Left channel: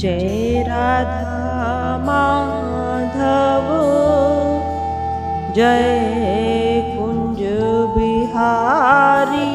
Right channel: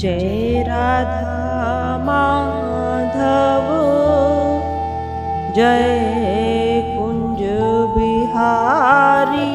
जय राधा माधव जय कुंज बिहारी।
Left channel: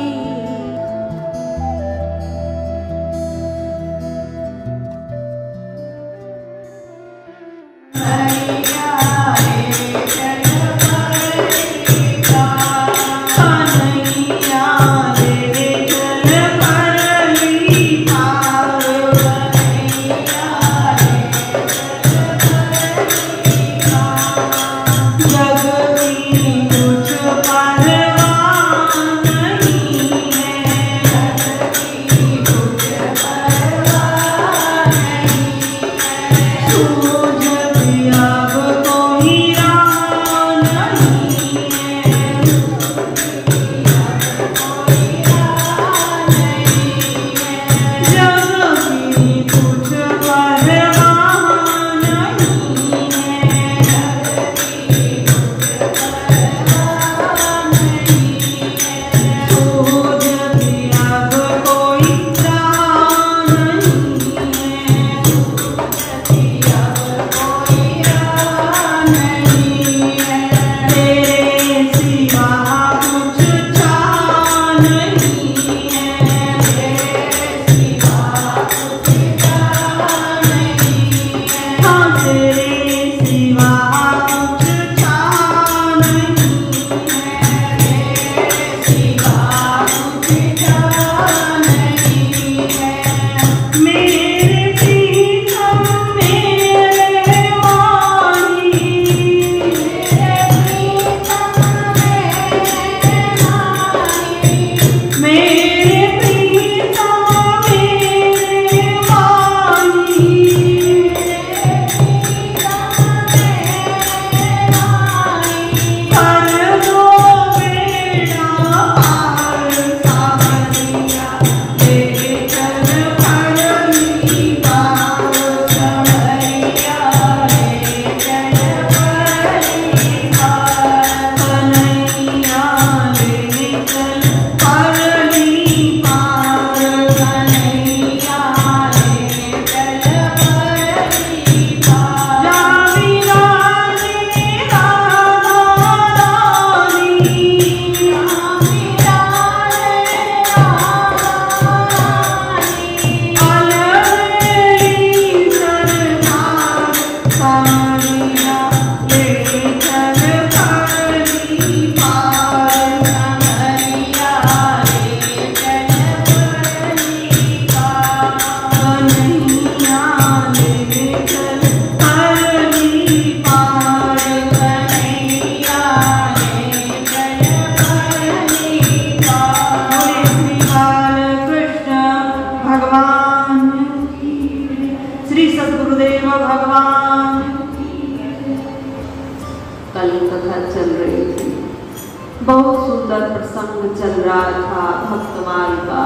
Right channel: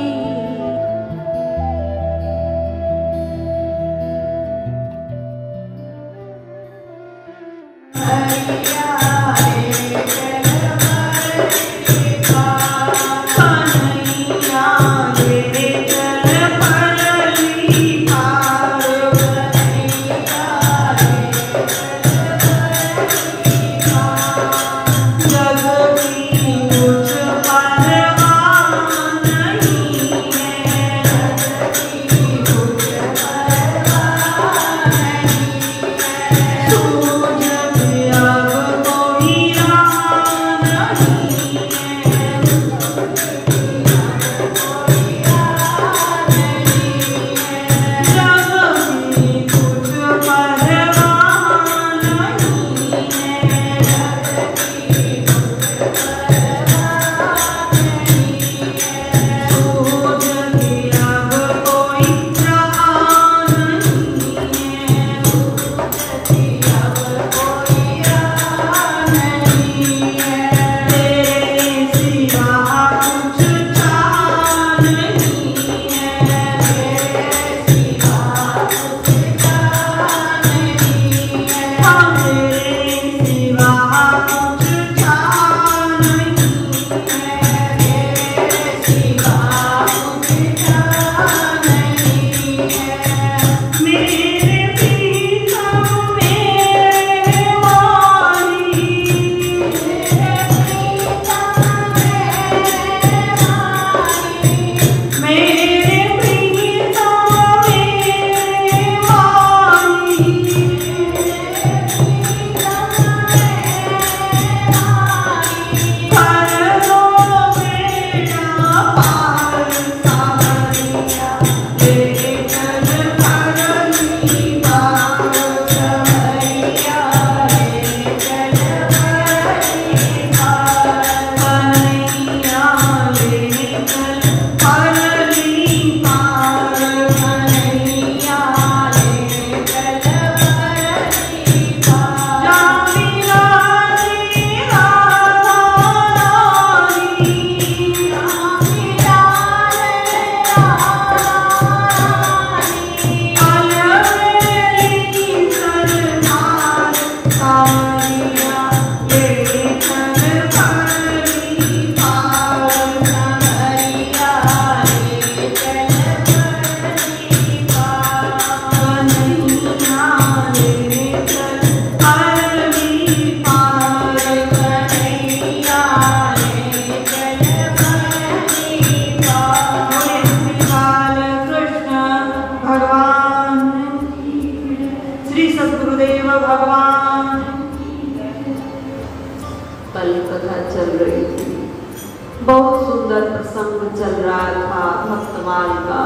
बहुत सुंदर प्रसंग चल रहा था भक्तमान का।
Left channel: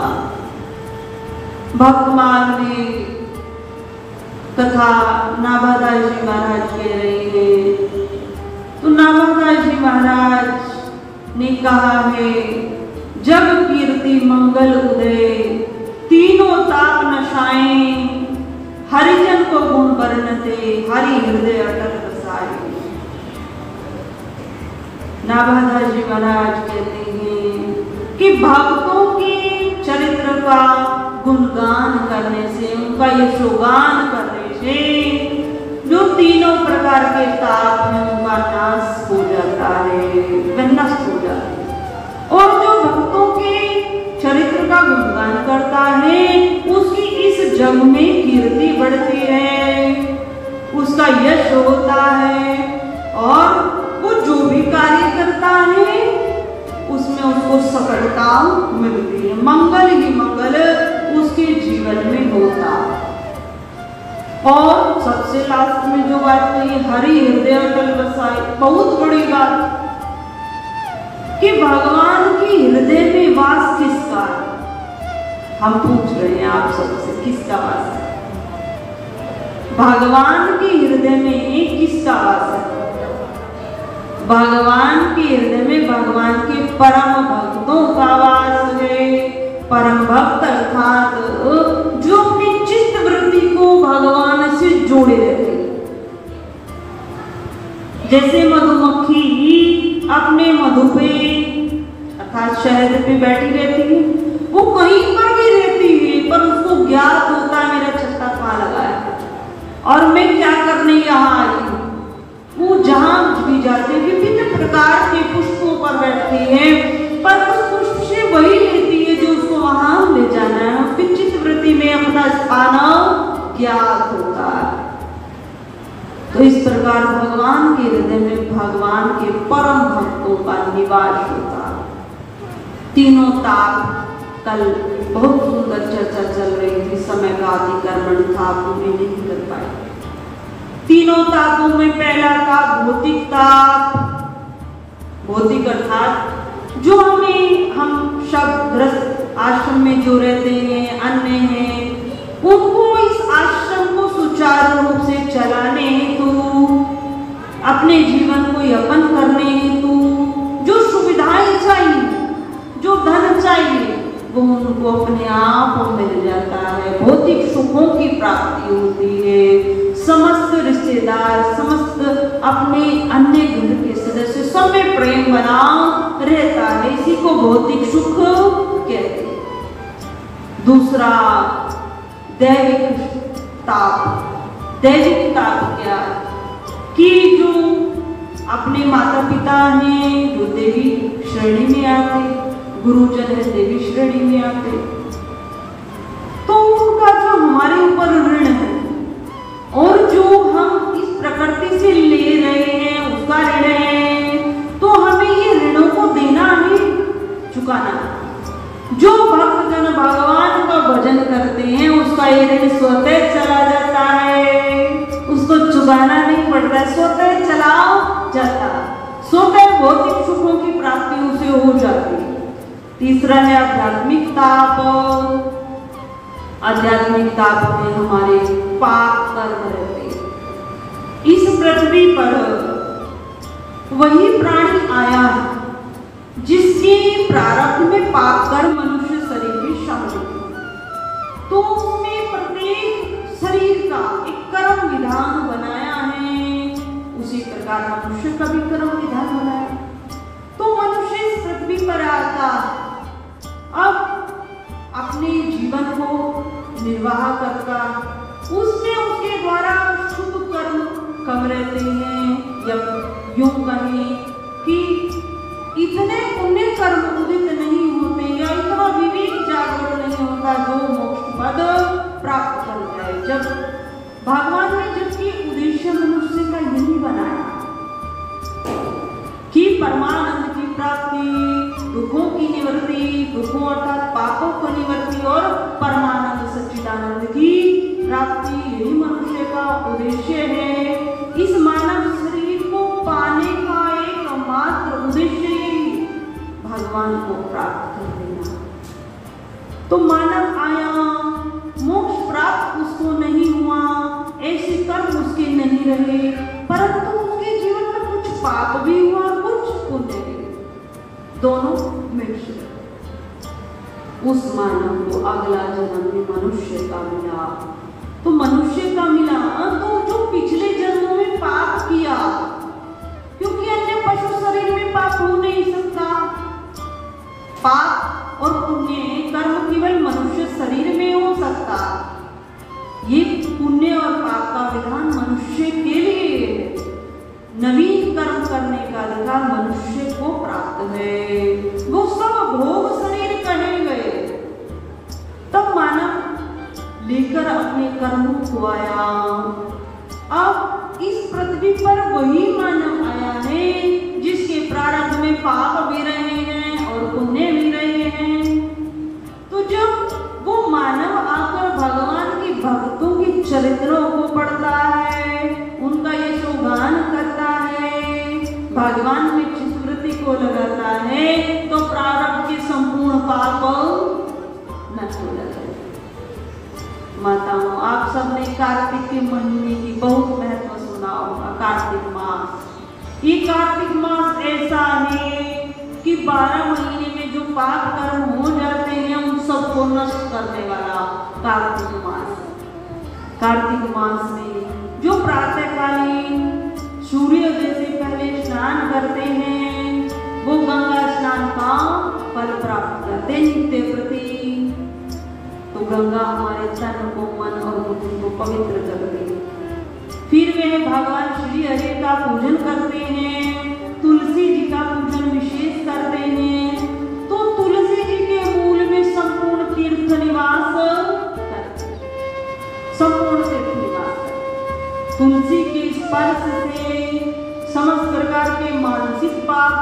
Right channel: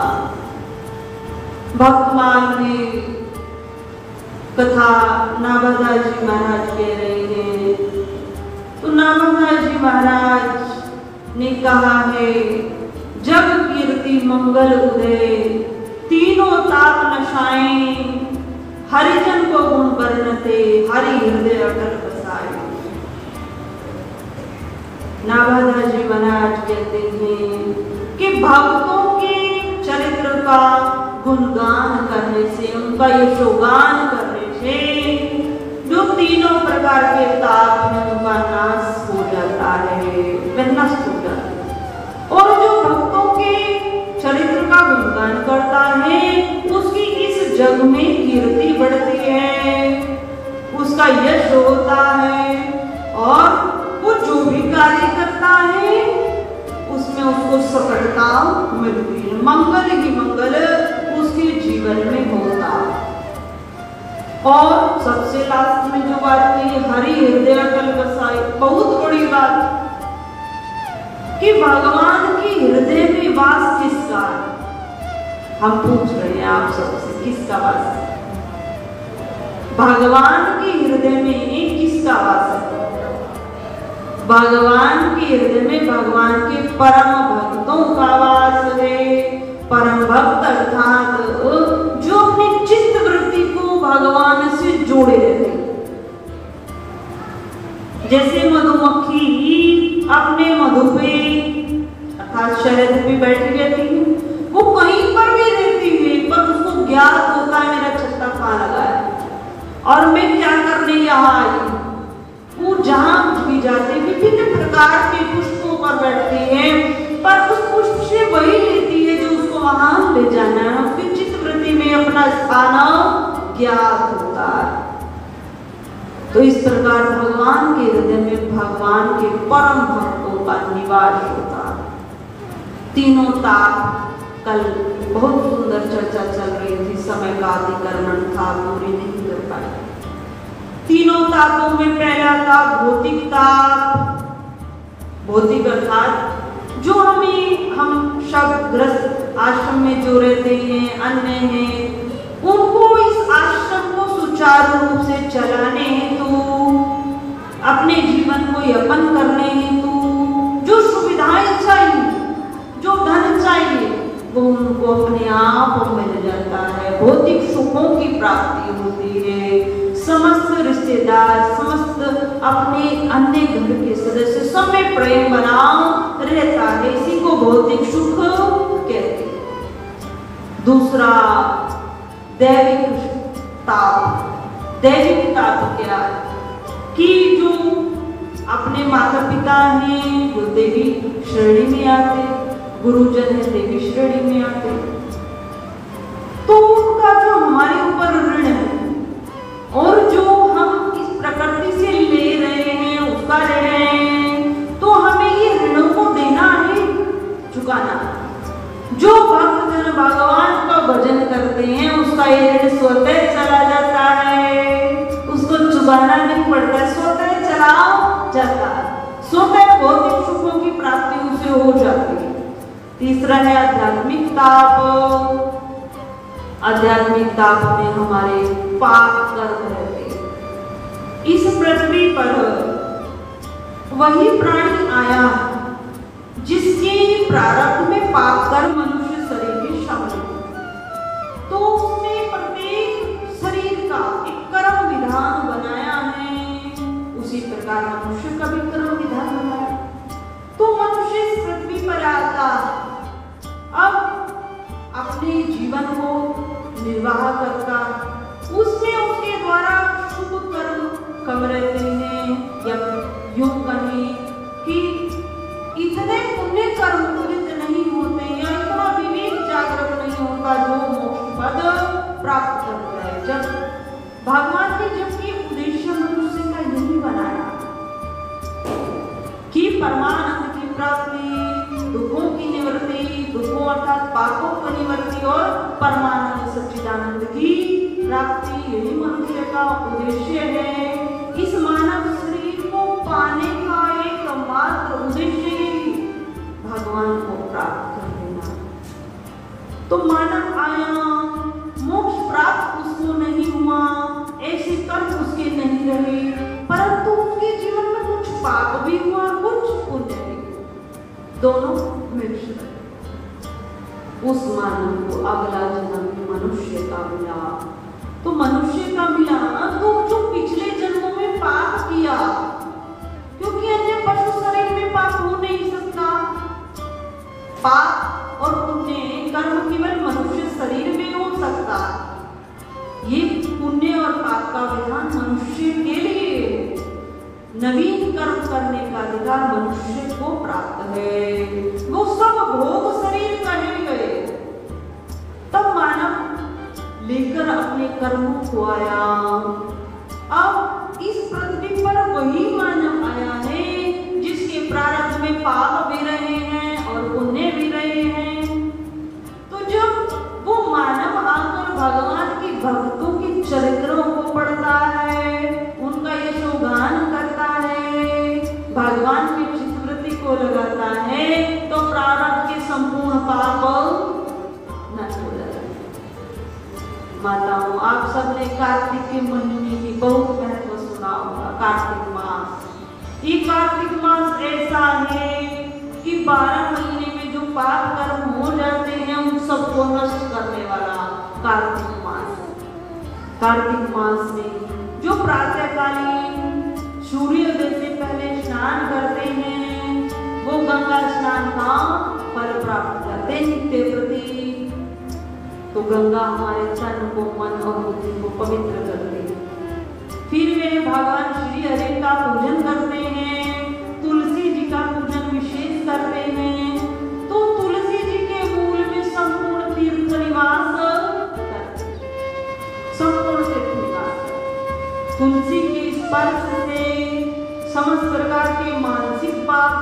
भक्तमान ने कथा नाभादास जी महाराज कह रहे हैं, तो नाभादास जी महाराज ने कहा है, जब कीर्ति मंगल उदय तीनों ताप नशाएं, हरिजन को गुण वर्णते हरि हृदय अटल बसाए। नाभादास जी महाराज कहते हैं कि भक्तों के चरित्र का गुणगान करने से, उनका यशोगान करने से जो तीनों प्रकार के ताप हैं उनका नाश हो जाता है, नष्ट हो जाता है। और जो भक्तों के चरित्र का गुणगान करता है उसकी इस जग में कीर्ति बढ़ती है, उसका यश होता है, और वो जो भी कार्य करता है उसमें उसको सफलता मिलती है, मंगल ही मंगल उसके जीवन में होता। और सबसे लास्ट में जो बात कही, हरि हृदय अटल बसाए, बहुत बड़ी बात कि भगवान की हृदय में वास किसका है। हम पूछ रहे हैं आप सबसे, किसका वास है? भगवान के हृदय में एक किसका वास है? भगवान के हृदय में भगवान के परम भक्तों का वास है। परम भक्त अर्थात जो अपनी चित्त वृत्ति को भगवान ज्ञात होता है। तो इस प्रकार भगवान के हृदय में भगवान के परम भक्तों का निवास होता है। तीनों ताप कल बहुत सुंदर चर्चा चल रही थी, समय का अधिकरण था, पूरी नहीं कर पाए। तीनों तापों में पहला ताप भौतिक ताप, भौतिक अर्थात जो हम सब ग्रस्त आश्रम में जो रहते हैं, अन्य हैं, उनको इस आश्रम को सुचारू रूप से चलाने हेतु, अपने जीवन को यापन करने हेतु जो सुविधाएं चाहिए, जो धन चाहिए, वो उनको अपने आप मिल जाता है। भौतिक सुखों की प्राप्ति होती है। समस्त रिश्तेदार, समस्त अपने अन्य घर के सदस्य सब में प्रेम बना रहता है। इसी को भौतिक सुख कहते हैं। दूसरा दैविक ताप। दैविक ताप क्या है कि जो अपने माता पिता हैं, जो देवी श्रेणी में आते, गुरुजन है देवी श्रेणी में आते, तो उनका जो हमारे ऊपर ऋण है और जो हम इस प्रकृति से ले रहे हैं उसका ऋण है, तो हमें ये ऋणों को देना है, चुकाना। जो भक्तजन भगवान का भजन करते हैं उसका ये ऋण स्वतः चला जाता है, उसको चुकाना नहीं पड़ता, स्वतः चला जाता, स्वतः भौतिक सुखों की प्राप्ति उसे हो जाती है। तीसरा है आध्यात्मिक ताप। आध्यात्मिक ताप में हमारे पाप कर्म रहते हैं। इस पृथ्वी पर वही प्राणी आया जिसके प्रारब्ध में पाप कर्म मनुष्य शरीर में शामिल है, तो उसने प्रत्येक शरीर का एक कर्म विधान बनाया है। उसी प्रकार मनुष्य का भी कर्म विधान बनाया, तो मनुष्य इस पृथ्वी पर आता, अब अपने जीवन को निर्वाह करता, उसमें उसके द्वारा शुभ कर्म कम रहते हैं, या यूं कहें कि इतने पुण्य कर्म उदित नहीं होते, या इतना विवेक जागृत नहीं होता जो मोक्ष पद प्राप्त करता है। जब भगवान ने जबकि उद्देश्य मनुष्य का यही बनाया कि परमानंद की प्राप्ति, दुखों की निवृत्ति, दुखों अर्थात पापों की निवृत्ति और परमानंद सच्चिदानंद की प्राप्ति, यही मनुष्य का उद्देश्य है। इस मानव शरीर को पाने का एकमात्र उद्देश्य ही भगवान को प्राप्त कर देना। तो मानव आया, मोक्ष प्राप्त उसको नहीं हुआ, ऐसे कर्म उसके नहीं रहे, परंतु उसके जीवन में कुछ पाप भी हुआ, कुछ पुण्य भी, दोनों मिक्स। उस मानव को अगला जन्म में मनुष्य का मिला, तो मनुष्य का मिला तो जो पिछले जन्मों में पाप किया, क्योंकि अन्य पशु शरीर में पाप हो नहीं सकता, पाप और पुण्य कर्म केवल मनुष्य शरीर में हो सकता। ये पुण्य और पाप का विधान मनुष्य के लिए, नवीन कर्म करने का अधिकार मनुष्य को प्राप्त है। वो सब भोग शरीर कहे गए, तब मानव लेकर अपने कर्मों को आया। अब इस पृथ्वी पर वही मानव आया है जिसके प्रारब्ध में पाप भी रहे हैं और पुण्य भी रहे हैं। तो जब वो मानव आकर भगवान के भक्तों के चरित्रों को पढ़ता है, उनका यशोगान करता है, भगवान की स्मृति को लगाता है, तो प्रारब्ध के संपूर्ण पाप नष्ट हो जाते हैं। माताओं, आप सबने कार्तिक के महीने की बहुत महत्व सुना होगा। कार्तिक मास, ये कार्तिक मास ऐसा है कि 12 महीने में जो पाप कर्म हो जाते हैं उन सबको नष्ट करने वाला कार्तिक मास। कार्तिक मास में जो प्रातःकालीन सूर्योदय से पहले स्नान करते हैं, वो गंगा स्नान का फल प्राप्त करते हैं नित्य प्रति। तो गंगा हमारे तन को, मन और बुद्धि को पवित्र करते हैं। फिर वे भगवान श्री हरि का पूजन करते हैं, तुलसी जी का पूजन विशेष करते हैं। तो तुलसी जी के मूल में संपूर्ण तीर्थ निवास, संपूर्ण तुलसी के स्पर्श से समस्त प्रकार के मानसिक पाप,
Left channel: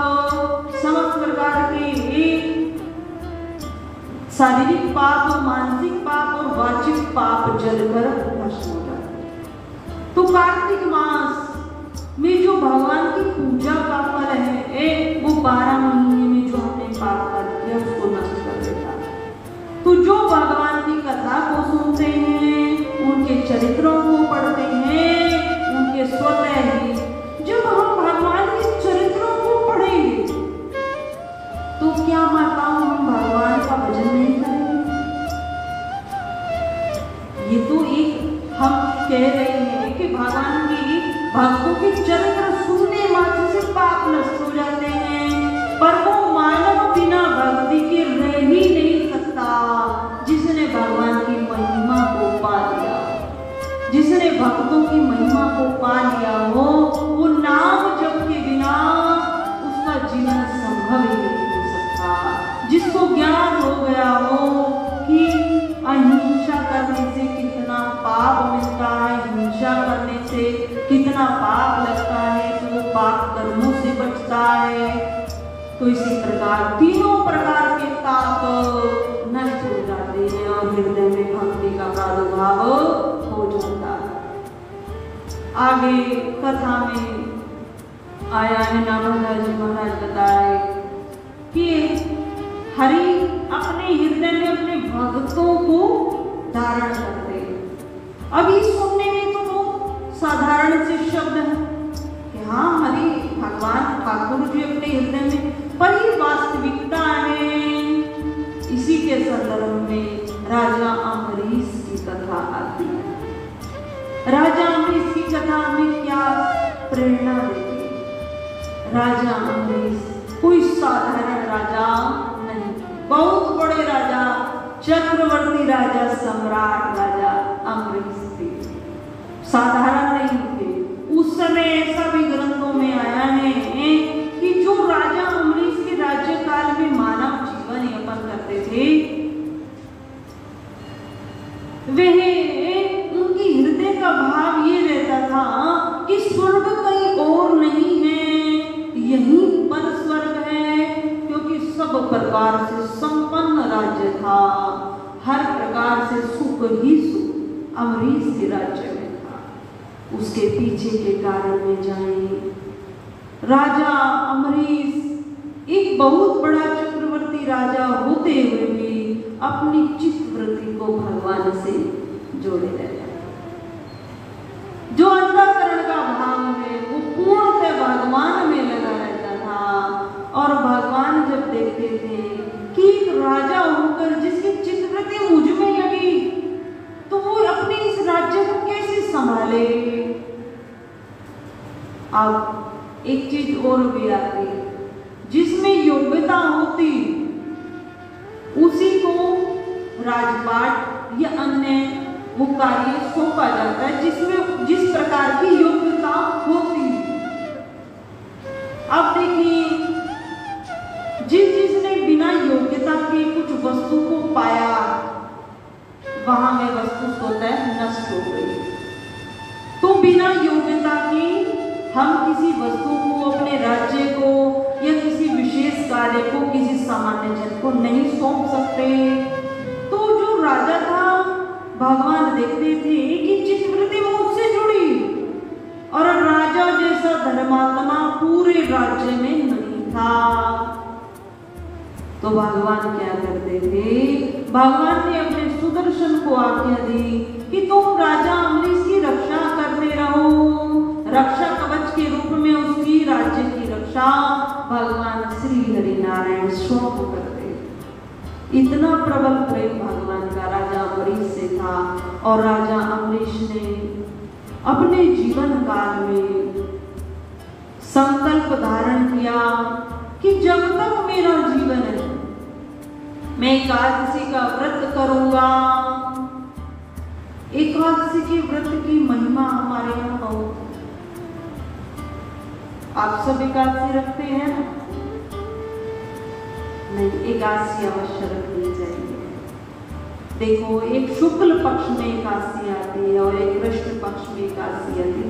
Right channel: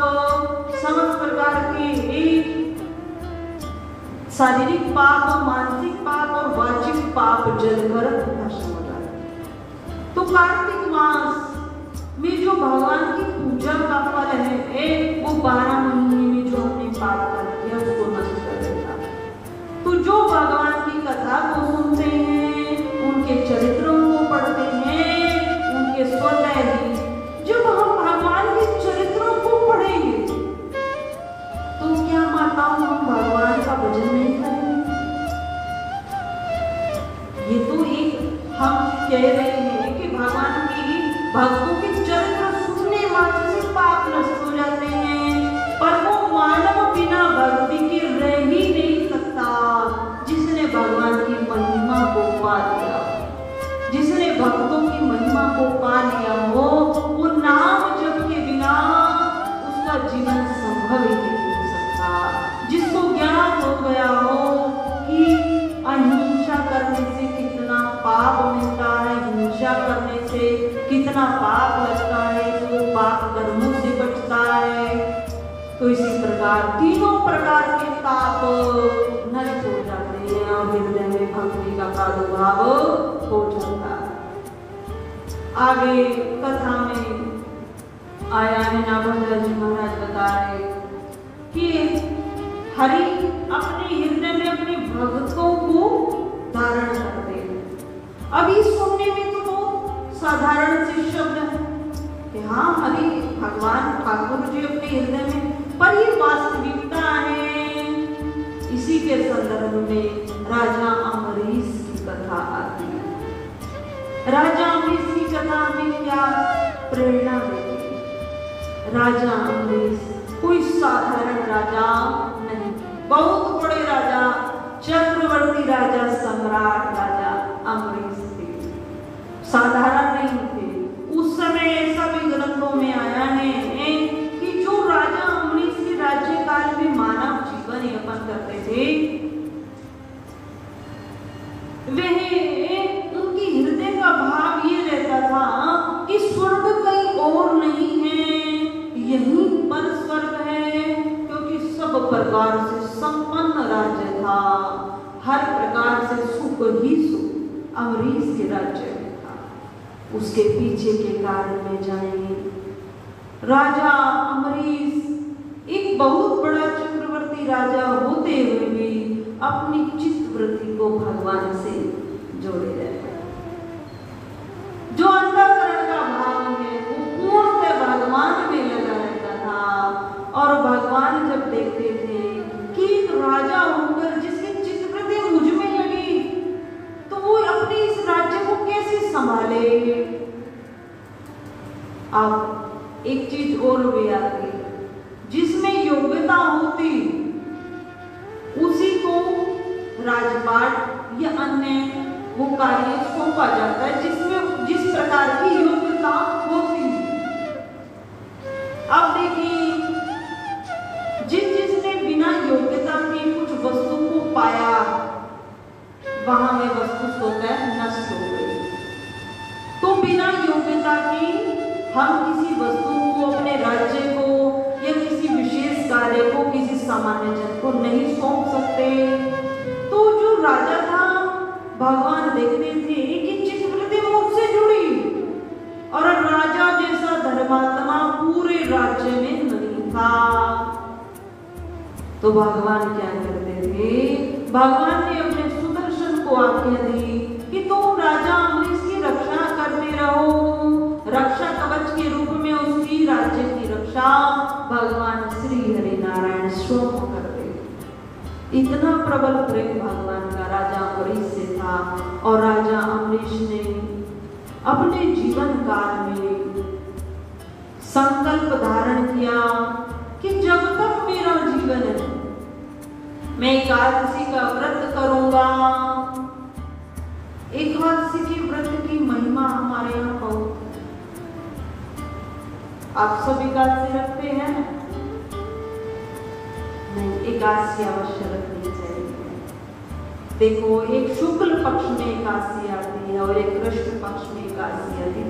समस्त प्रकार के शारीरिक पाप, मानसिक पाप और वाचिक पाप जलकर नष्ट हो जाते। तो कार्तिक मास में जो भगवान की पूजा का फल है वो 12 महीने में जो हमने पाप कर दिया उसको नष्ट कर देता है। तो जो भगवान की कथा को सुनते हैं, उनके चरित्रों को पढ़ते हैं, उनके स्वतः ही जब हम भगवान के चरित्रों को पढ़ेंगे तो क्या माताओं हम भगवान का भजन नहीं करेंगे? ये तो एक हम कह रहे हैं कि भगवान की भक्तों की चरित्र सुनने वाले से पाप नष्ट हो जाते हैं, पर वो मानव बिना भक्ति के रह ही नहीं सकता जिसने भगवान की महिमा को पा लिया। जिसने भक्तों की महिमा को पा लिया हो वो नाम जप के बिना उसका जीवन संभव ही नहीं हो सकता। जिसको ज्ञान हो गया हो कि अहिंसा करने से कितना पाप मिलता है, हिंसा करने से कितना पाप लगता है, तो पाप कर्मों से बचता है। तो इसी प्रकार तीनों प्रकार के पाप नष्ट हो जाते हैं और हृदय में भक्ति का प्रादुर्भाव हो जाता है। आगे कथा में आया है, नारद जी महाराज बताए कि हरि अपने हृदय में अपने भक्तों को धारण करते हैं। अब इस सुनने में तो साधारण से शब्द है कि हाँ हरि भगवान ठाकुर जी अपने हृदय में, पर ये वास्तविकता है। इसी के संदर्भ में राजा अम्बरीश की कथा आती है। राजा अम्बरीश की कथा में क्या प्रेरणा देती है? राजा अम्बरीश कोई साधारण राजा नहीं, बहुत बड़े राजा, चक्रवर्ती राजा, सम्राट राजा अम्बरीश थे। साधारण नहीं थे। उस समय ऐसा भी ग्रंथों में आया है कि जो राजा अम्बरीश के राज्यकाल में मानव जीवन यापन करते थे वह उनकी हृदय का भाव ये रहता था कि स्वर्ग कहीं और नहीं है, यहीं पर स्वर्ग है, क्योंकि सब प्रकार से संपन्न राज्य था, हर प्रकार से सुख ही सुख अम्बरीश के राज्य में था। उसके पीछे के कारण में जाएंगे। राजा अम्बरीश एक बहुत बड़ा चक्रवर्ती राजा होते हुए भी अपनी चित्त वृत्ति को भगवान से जोड़े रहते हैं। जो अंतःकरण का भाव है वो पूर्णतः भगवान में लगा रहता था। और भगवान जब देखते थे कि एक राजा होकर जिसकी चित्त वृत्ति मुझ में लगी तो वो अपने इस राज्य को कैसे संभाले। अब एक चीज और भी आती है, जिसमें योग्यता होती उसी को राजपाट या अन्य वो कार्य सौंपा जाता है जिसमें जिस प्रकार की योग्यता होती। अब देखिए जिसने बिना योग्यता के कुछ वस्तु को पाया वहां में वस्तु स्वतः नष्ट हो गई। तो बिना योग्यता के हम किसी वस्तु को, अपने राज्य को या किसी विशेष कार्य को किसी सामान्य जन को नहीं सौंप सकते। तो जो राजा था भगवान देखते थे कि चित्त वृत्ति उससे जुड़ी और राजा जैसा धर्मात्मा पूरे राज्य में नहीं था। तो भगवान क्या करते थे? भगवान ने अपने सुदर्शन को आज्ञा दी कि तुम राजा अम्बरीश की रक्षा करते रहो। रक्षा कवच के रूप में उसकी राज्य की रक्षा भगवान श्री हरि नारायण स्वयं करते। इतना प्रबल प्रेम भगवान का राजा अम्बरीश से था। और राजा अम्बरीश ने अपने जीवन काल में संकल्प धारण किया कि जब तक मेरा जीवन है मैं एकादशी का व्रत करूंगा। एकादशी के व्रत की महिमा हमारे यहाँ बहुत। आप सब एकादशी रखते हैं? नहीं, एकादशी अवश्य रखनी चाहिए। देखो एक शुक्ल पक्ष में एकादशी आती है और एक कृष्ण पक्ष में एकादशी आती है।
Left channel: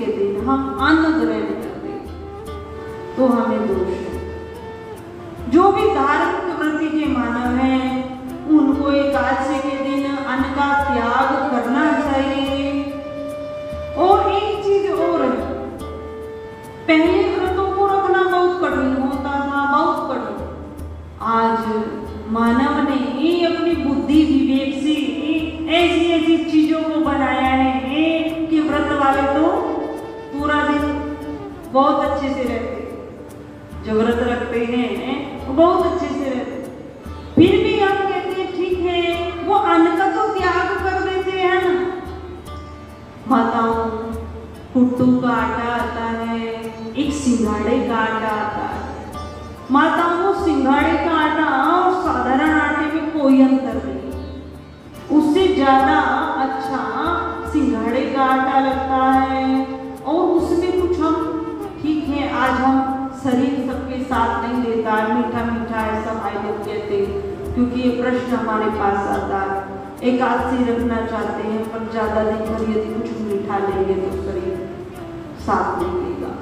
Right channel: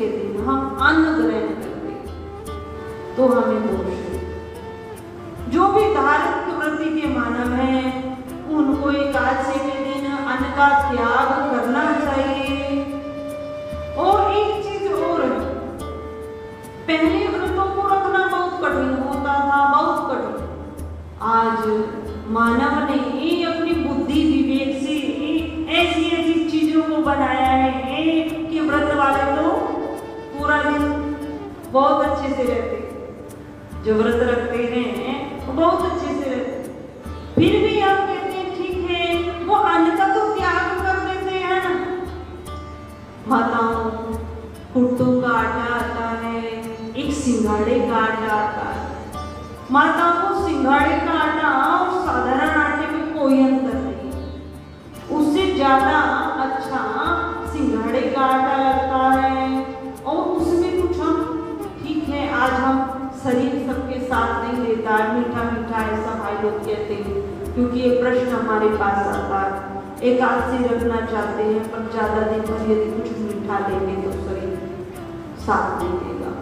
के दिन हम अन्न ग्रहण करते तो हमें दोष है। जो भी धार्मिक वृत्ति के मानव हैं उनको एकादशी के दिन अन्न का त्याग करना चाहिए। और एक चीज और है, पहले व्रतों को रखना बहुत कठिन होता था, बहुत कठिन। आज मानव ने ही अपनी बुद्धि विवेक से ऐसी ऐसी चीजों को बनाया है कि व्रत वाले तो पूरा दिन बहुत अच्छे से रहते, जो व्रत रखते हैं वो बहुत अच्छे से रहते। फिर भी आप कहते हैं ठीक है, वो अन्न का तो त्याग कर देते हैं ना। माताओं, कुट्टू का आटा आता है, एक सिंघाड़े का आटा आता है। माताओं, सिंघाड़े का आटा और साधारण आटे में कोई अंतर नहीं, उससे ज्यादा अच्छा सिंघाड़े का आटा लगता है। और उसमें कुछ हम ठीक है, आज हम शरीर सबके साथ नहीं लेता, मीठा मीठा ऐसा भाई लोग कहते हैं, क्योंकि ये प्रश्न हमारे पास आता है। एकादशी रखना चाहते हैं पर ज्यादा दिन पर यदि कुछ मीठा लेंगे तो शरीर साथ नहीं लेगा,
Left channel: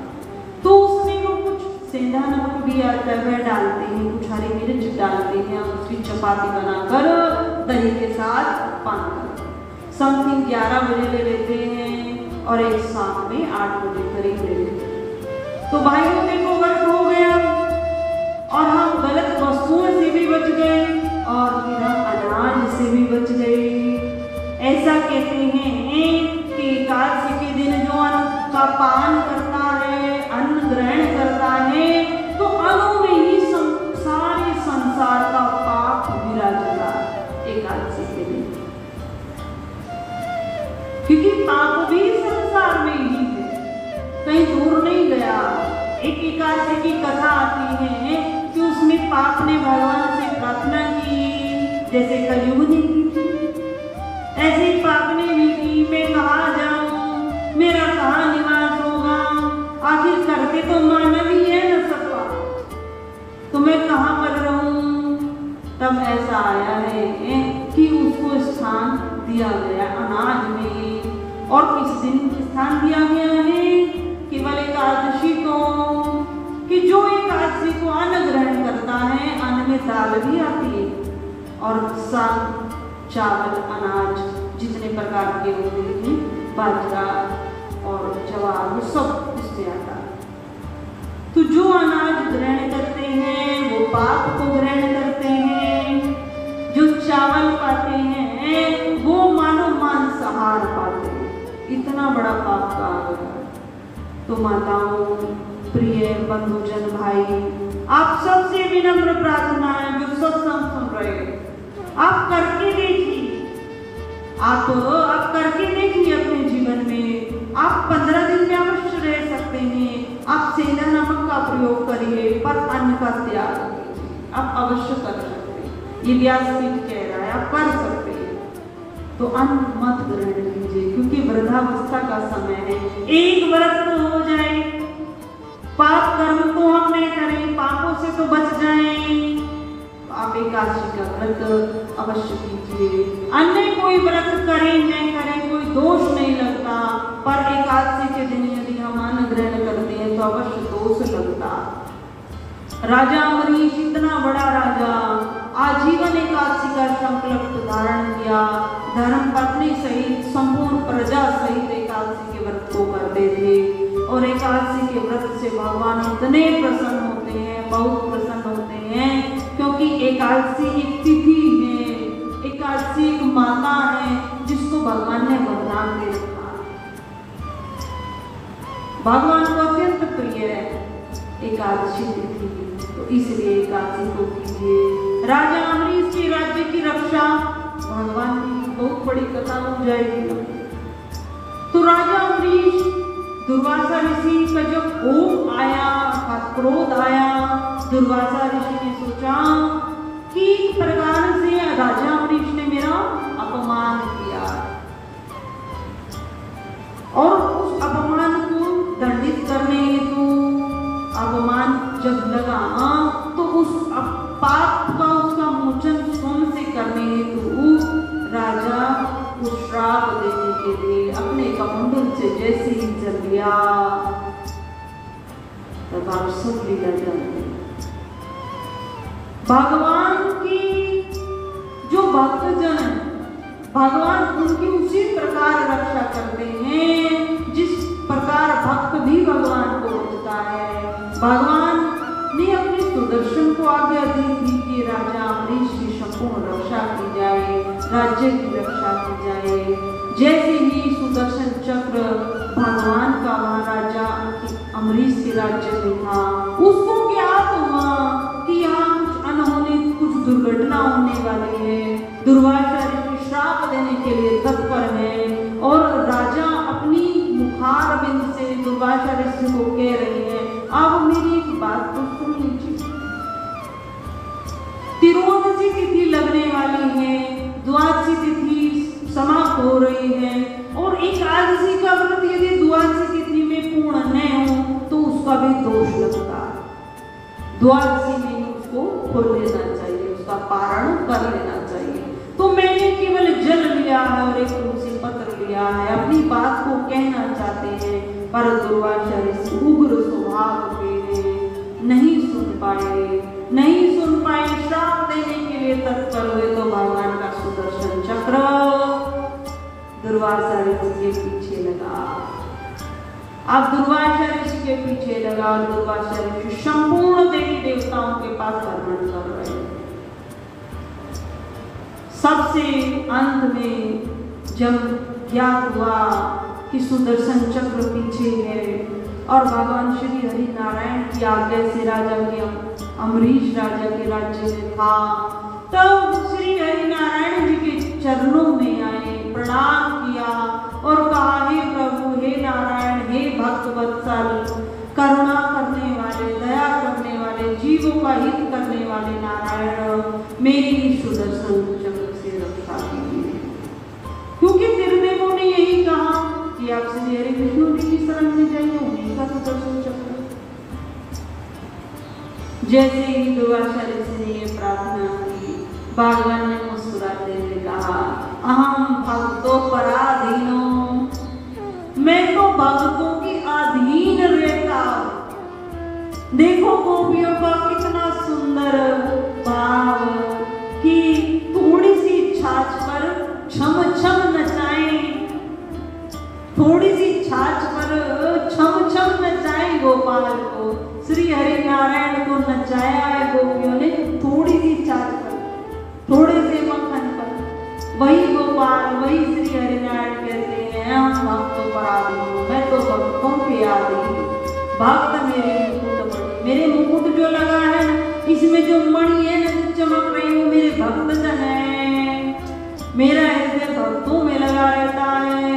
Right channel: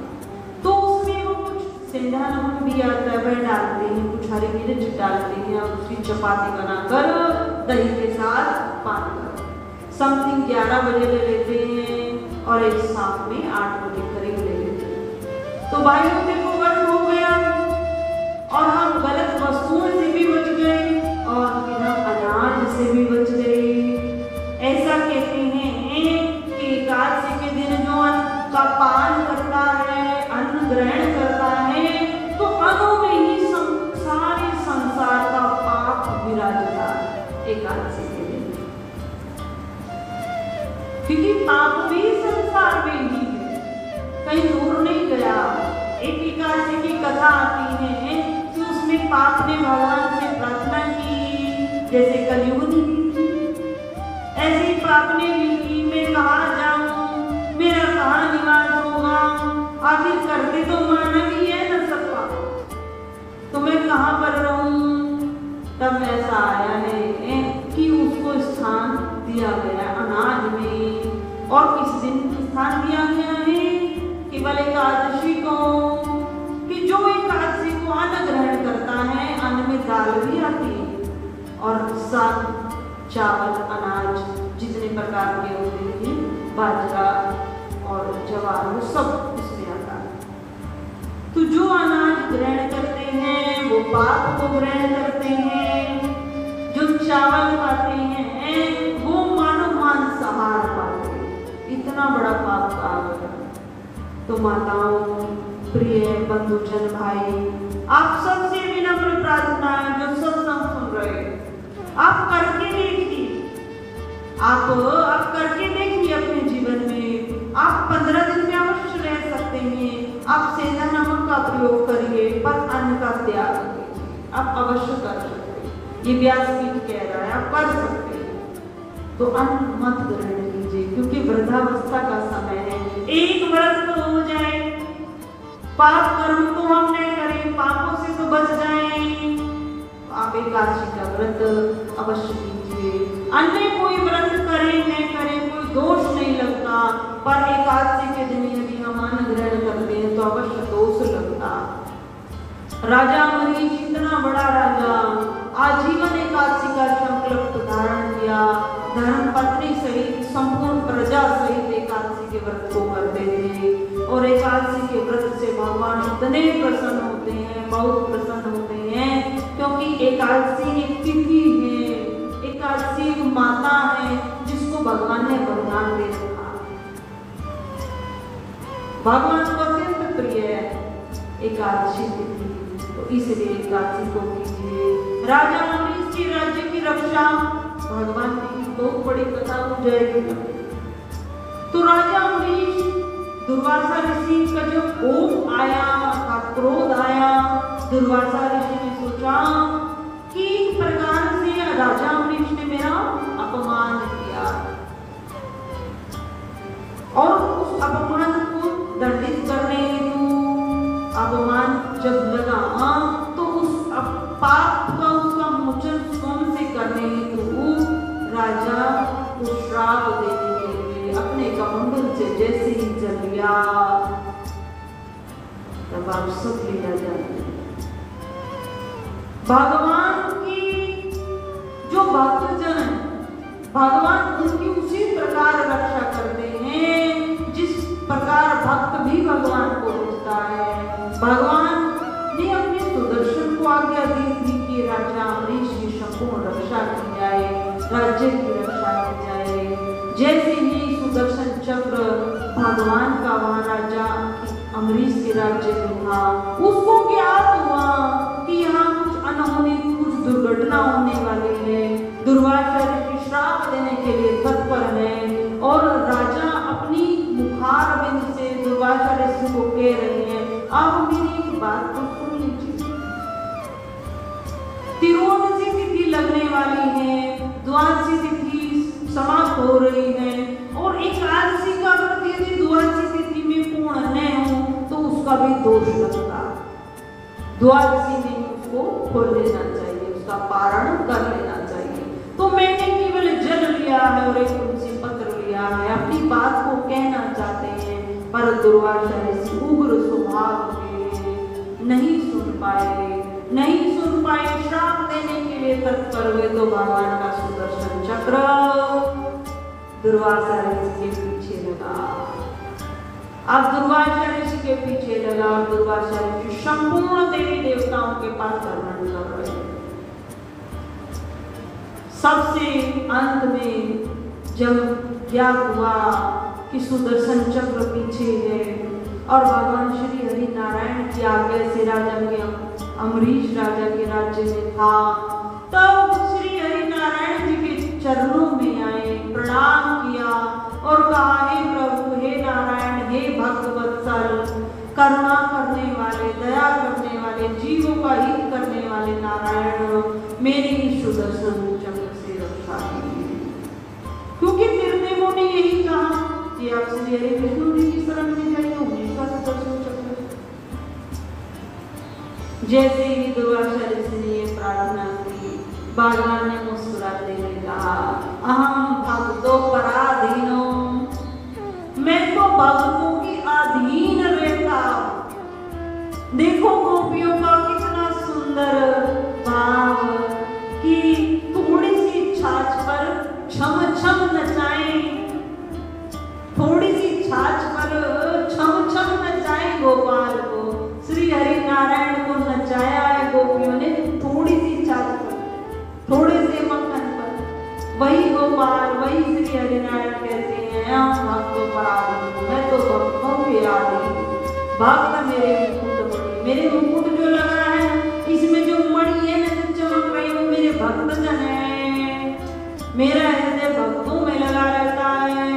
तो उसमें वो कुछ सेंधा नमक भी आता है वह डालते हैं, कुछ हरी मिर्च डालते हैं और उसकी चपाती बनाकर दही के साथ पान समथिंग 11 बजे ले लेते हैं और एक शाम में 8 बजे करीब ले लेते हैं। तो भाइयों में कुवर्त हो गया और हम गलत वस्तुओं से भी बच गए और बिना अनाज से भी बच गए। ऐसा कहते हैं कि एकादशी के दिन जो अन्न का पान करता है, अन्न ग्रहण करता है, तो अनु में ही सारे संसार का पाप गिरा जाता है एकादशी के दिन, क्योंकि पाप भी संसार में ही है, कहीं दूर नहीं गया। एक एकादशी की कथा आती है कि उसमें पाप ने भगवान से प्रार्थना की, जैसे कलयुग ने ऐसी पाप ने भी की, मैं कहाँ जाऊं, मेरा कहाँ निवास होगा, आखिर करके तो मानव ही है न सबका, तो मैं कहाँ पर रहूं। तब ऐसा आया है कि उसको स्थान दिया गया अनाज में, और किस दिन स्थान दिया गया है, केवल एकादशी को, कि जो एकादशी को अन्न ग्रहण करता है, अन्न में दाल भी आती है और साग चावल अनाज जितने प्रकार के होते हैं, बाजरा और ज्वार, वो सब उससे आता है। तो जो अनाज ग्रहण करते हैं वो पाप को ग्रहण करते हैं, जो चावल खाते हैं वो मानो मांसाहार पाते हैं। इतना बड़ा पाप का आ गया। तो माताओं, प्रिय बंधुजन भाई, आप सबसे विनम्र प्रार्थना है, जो सत्संग सुन रहे हैं, आप करके देखिए, आप करके देखिए अपने जीवन में। आप 15 दिन में अवश्य रह सकते हैं। आप सेंधा नमक का प्रयोग करिए पर अन्न का त्याग कीजिए, आप अवश्य कर सकते हैं। ये व्यासपीठ कह रहा है, आप कर सकते हैं। तो अन्न मत ग्रहण कीजिए, क्योंकि वृद्धावस्था का समय है। एक व्रत तो हो जाए, पाप कर्म को हम नहीं करें, पापों से तो बच जाएं। आप एकादशी का व्रत अवश्य कीजिए। अन्य कोई व्रत करें न करें कोई दोष नहीं लगता, पर एकादशी के दिन यदि हम अन्न ग्रहण करते हैं तो अवश्य दोष लगता। राजा अम्बरीश, इतना बड़ा राजा, आजीवन एकादशी का संकल्प धारण किया, धर्म पत्नी सहित संपूर्ण प्रजा सहित एकादशी के व्रत को करते थे। और एकादशी के व्रत से भगवान इतने प्रसन्न होते हैं, बहुत प्रसन्न होते हैं, क्योंकि एकादशी एक तिथि है, एकादशी एक माता है जिसको भगवान ने वरदान दे रखा। भगवान को अत्यंत प्रिय है एकादशी तिथि, तो इसलिए एकादशी को कीजिए। राजा अम्बरीश के राज्य की रक्षा भगवान की बहुत बड़ी कथा हो जाएगी। तो राजा अम्बरीश, दुर्वासा ऋषि का जो कोप आया, क्रोध आया, दुर्वासा ऋषि ने सोचा कि इस प्रकार से राजा अम्बरीश ने मेरा अपमान किया, और उस अपमान को दंडित करने हेतु अपमान जब लगा तो उस पाप का उसका मोचन स्वयं से करने हेतु राजा को श्राप देने के लिए अपने कमंडल से जैसे ही चल लिया, तब आप सब बिगड़ जाते हैं। भगवान की जो भक्तजन, भगवान उनकी उसी प्रकार रक्षा करते हैं जिस प्रकार भक्त भी भगवान को होता है। भगवान ने अपने सुदर्शन को आज्ञा दी थी कि राजा अम्बरीश की संपूर्ण रक्षा की जाए, राज्य की रक्षा की जाए। जैसे ही सुदर्शन चक्र भगवान का महाराजा अम्बरीश के राज्य में था, उसको क्या हुआ कि यहाँ कुछ अनहोनी, कुछ दुर्घटना होने वाली है। दुर्वासा ऋषि श्राप देने के लिए तत्पर है और राजा अपनी मुखार बिंद से दुर्वासा ऋषि को कह रहे हैं, अब मेरी बात तो सुन लीजिए। तिरोदशी तिथि लगने वाली है, द्वादशी तिथि समाप्त हो रही है और एकादशी का व्रत यदि द्वादशी तिथि में पूर्ण न हो तो उसका भी दोष लगता है। द्वादशी में उसको खोल लेना चाहिए, उसका पारण कर लेना चाहिए। तो मैंने केवल जल लिया है और एक तुलसी पत्र लिया है, अपनी बात को कहना चाहते हैं, पर दुर्वासा ऋषि उग्र स्वभाव के नहीं सुन पाए, श्राप देने के लिए तत्पर हुए। तो भगवान का सुदर्शन चक्र दुर्वासा ऋषि के पीछे लगा। अब दुर्वासा ऋषि के पीछे लगा और दुर्वासा ऋषि संपूर्ण देवी देवताओं के पास वर्णन कर रहे हैं। सबसे अंत में जब ज्ञात हुआ कि सुदर्शन चक्र पीछे है और भगवान श्री हरि नारायण की आज्ञा से राजा के अम्बरीश राजा के राज्य में था, तब श्री हरि नारायण जी के चरणों में आए, प्रणाम किया और कहा, हे प्रभु, हे नारायण, हे भक्त वत्सल, करुणा करने वाले, दया करने वाले, जीवों का हित करने वाले नारायण, मेरी सुदर्शन चक्र से रक्षा कीजिए। क्योंकि निर्देवों ने यही कहा कि आप श्री हरि विष्णु जी की शरण में जाइए, उनका सुदर्शन चक्र। जैसे ही दुर्वासा ऋषि ने ये प्रार्थना की, भगवान ने मुस्कुराते हुए कहा, अहम भक्तों पराधीनो, मैं तो भक्तों के अधीन रहता। देखो गोपियों का कितना सुंदर भाव कि थोड़ी सी छाछ पर छम छम नचाएं, थोड़ी सी छाछ पर छम छम नचाएं गोपाल को। श्री हरि नारायण को नचाया है गोपियों ने थोड़ी सी छाछ पर, थोड़े से मक्खन पर। वही गोपाल, वही श्री हरि नारायण कहते हैं, हम भक्तों पर आधीन, मैं तो भक्तों के आधीन। भक्त मेरे मुकुट जो लगा है, इसमें जो मणि है ना चमक रही है, मेरे भक्तजन है, मेरा हृदय भक्तों में लगा रहता है,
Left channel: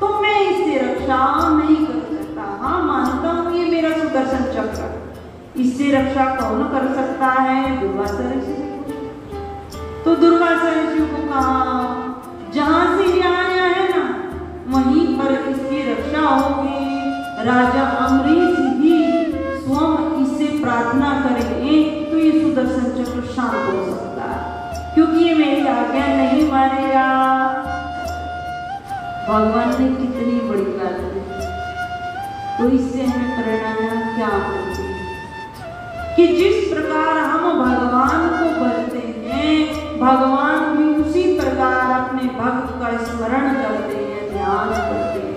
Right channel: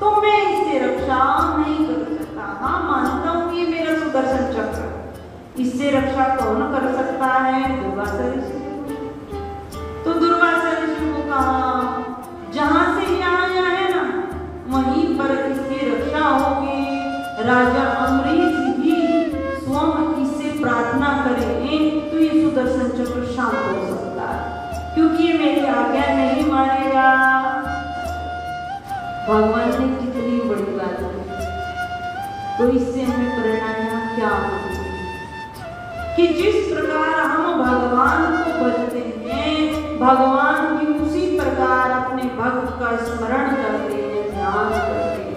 तो मैं इससे रक्षा नहीं कर सकता। हाँ, मानता हूँ कि मेरा सुदर्शन चक्र, इससे रक्षा कौन कर सकता है? दुर्वासा ऋषि। तो दुर्वासा ऋषि को कहा, जहां से यहाँ है ना, वहीं पर इसकी रक्षा होगी। राजा अम्बरीश ही स्वयं इससे प्रार्थना करेंगे तो ये सुदर्शन चक्र शांत हो सकता है, क्योंकि ये मेरी आज्ञा नहीं मानेगा। भगवान ने कितनी बड़ी बात की, तो इससे हमें प्रेरणा क्या होगी कि जिस प्रकार हम भगवान को भजते हैं, भगवान भी उसी प्रकार अपने भक्त का स्मरण करते हैं, ध्यान करते हैं।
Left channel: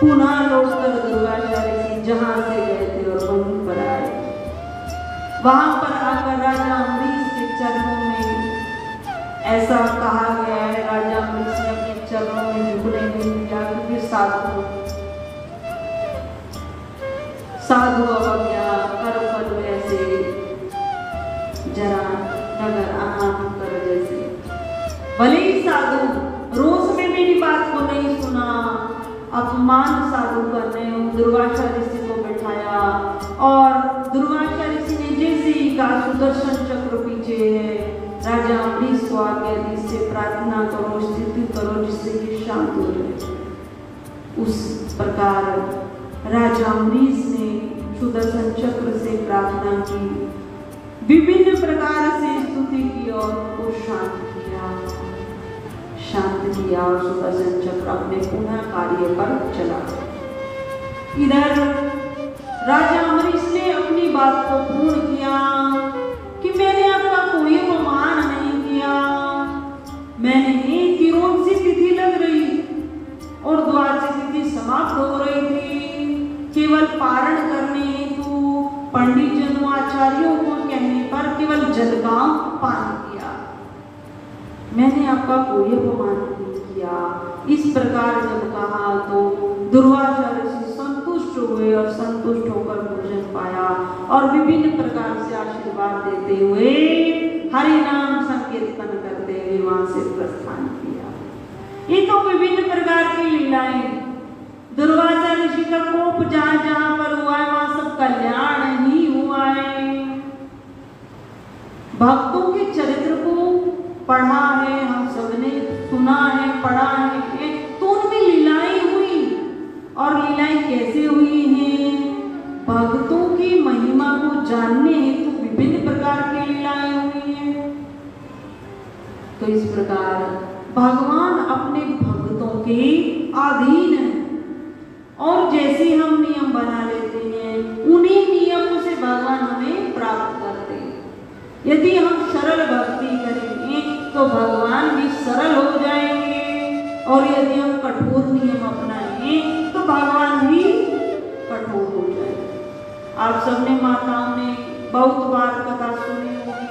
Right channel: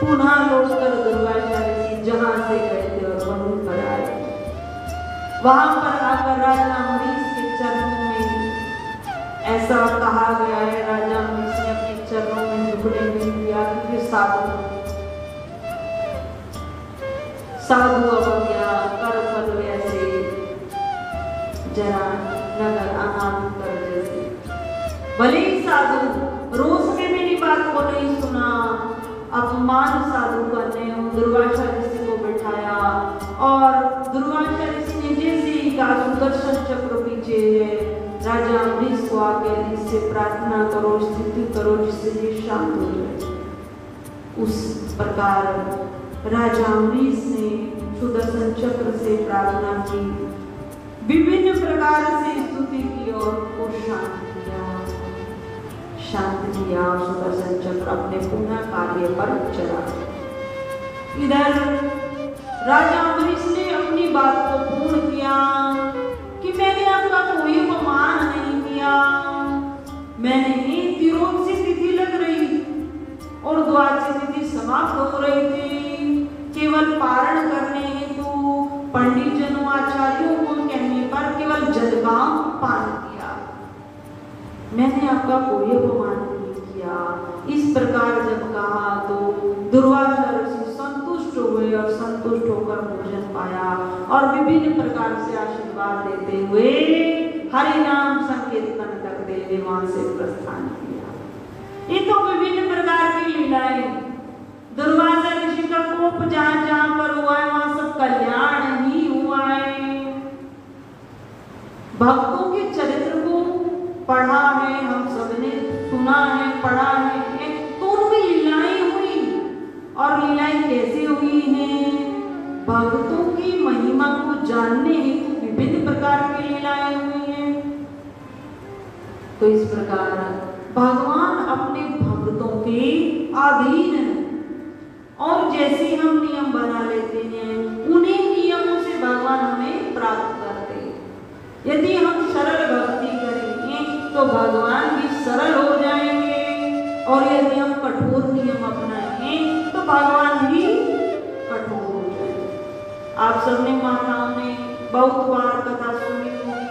पुनः लौटकर दुर्वासा ऋषि जहां से गए थे वहीं पर आए। वहां पर आकर राजा अम्बरीश के चरणों में ऐसा कहा गया है, राजा अम्बरीश के चरणों में झुकने नहीं दिया, क्योंकि साधु जरा नगर आनंद कर जैसे। भले ही साधु रोज में मेरी बात को नहीं सुना, अपमान साधु करने दुर्वासा ऋषि को बैठाया और दुर्वासा ऋषि ने जैसे ही कहा सुदर्शन चक्र पीछे है, राजा अम्बरीश को आके इससे प्रार्थना करो, स्तुति करो, जिससे ये शांत हो जाए। उस प्रकार राजा अम्बरीश ने सुदर्शन चक्र से प्रार्थना की, विभिन्न प्रकार से स्तुति की और वो शांत किया। सुदर्शन चक्र अपने पुनः कार्य पर चला। इधर राजा अम्बरीश ने अपनी बात को पूर्ण किया कि मैंने आपका कोई अपमान नहीं किया। मैंने तिरोध से तिथि लग रही और द्वार से तिथि समाप्त हो रही थी, केवल पारण करने हेतु पंडित जनों आचार्यों को कहने पर केवल जलगांव पालन किया। मैंने आपका कोई अपमान नहीं किया। इस प्रकार जब कहा तो दुर्वासा ऋषि संतुष्ट हुए और संतुष्ट होकर भोजन पाया और विभिन्न प्रकार से आशीर्वाद देते हुए हरि नाम संकीर्तन करते हुए वहां से प्रस्थान किया। ये तो विभिन्न प्रकार की लीलाएं, दुर्वासा ऋषि का कोप जहां जहां पर हुआ है वहां सब कल्याण ही हुआ है। भक्तों के चरित्र को पढ़ा है, हम सबने सुना है, पढ़ा है, तो उनमें लीलाएं हुई। और लीलाएं कैसे हुई हैं? भक्तों की महिमा को जानने हेतु विभिन्न प्रकार की लीलाएं हुई हैं। तो इस प्रकार भगवान अपने भक्तों के अधीन है और जैसे हम नियम बना लेते हैं उन्हीं नियमों से भगवान हमें प्राप्त करते हैं। यदि हम सरल भक्ति करेंगे तो भगवान भी सरल हो जाएंगे और यदि हम कठोर नियम अपनाएंगे तो भगवान भी कठोर हो जाएंगे। आप सबने माताओं ने बहुत बार कथा सुनी होगी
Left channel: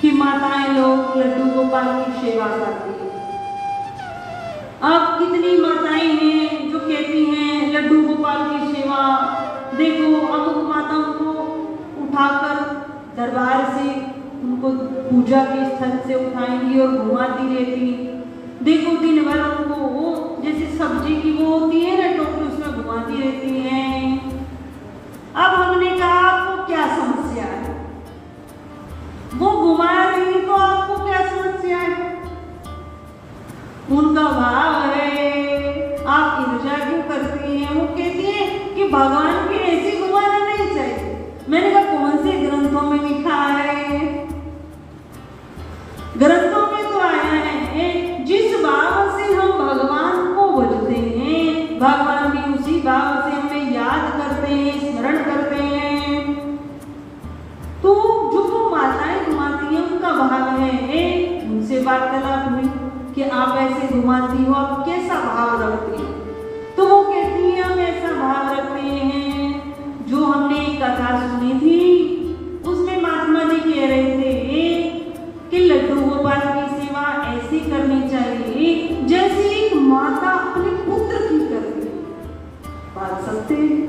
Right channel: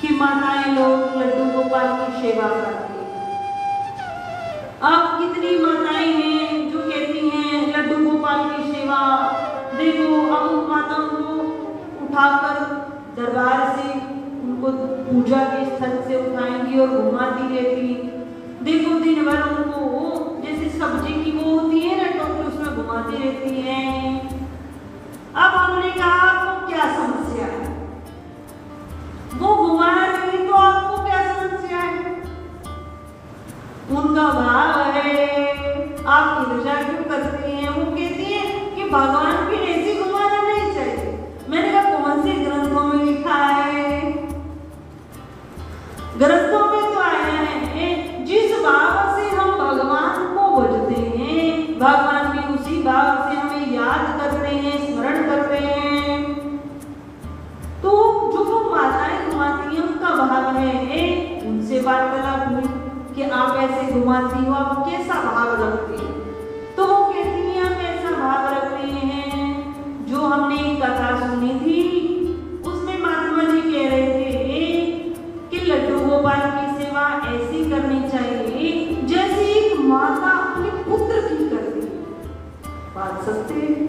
कि माताएं लोग लड्डू गोपाल की सेवा करती हैं। अब कितनी माताएं हैं जो कहती हैं लड्डू गोपाल की सेवा, देखो अमुक माताओं को उठाकर दरबार से उनको पूजा के स्थल से उठाएंगी और घुमाती रहती, देखो दिन भर उनको जैसे सब्जी की वो होती है ना तो उसमें घुमाती रहती है। अब हमने कहा आपको क्या समस्या है? वो घुमा रही तो आपको क्या समस्या है? उनका भाव है, आप ईर्ष्या क्यों करती हैं? वो कहती है कि भगवान की ऐसी घुमाना नहीं चाहिए। मैंने कहा कौन से ग्रंथों में लिखा है? ग्रंथों में तो आया है जिस भाव से हम भगवान को भजते हैं भगवान भी उसी भाव से हमें याद करते हैं, स्मरण करते हैं। तो जो माताएं घुमाती हैं उनका भाव है, उनसे वार्तालाप हुई कि आप ऐसे घुमाती हो, आप कैसा भाव रखती हो? तो वो कहती है हम ऐसा भाव रखते हैं। जो हमने एक कथा सुनी थी उसमें महात्मा जी कह रहे थे कि लड्डू गोपाल की सेवा ऐसी करनी चाहिए जैसे एक माता अपने पुत्र की करती है। बात सकते हैं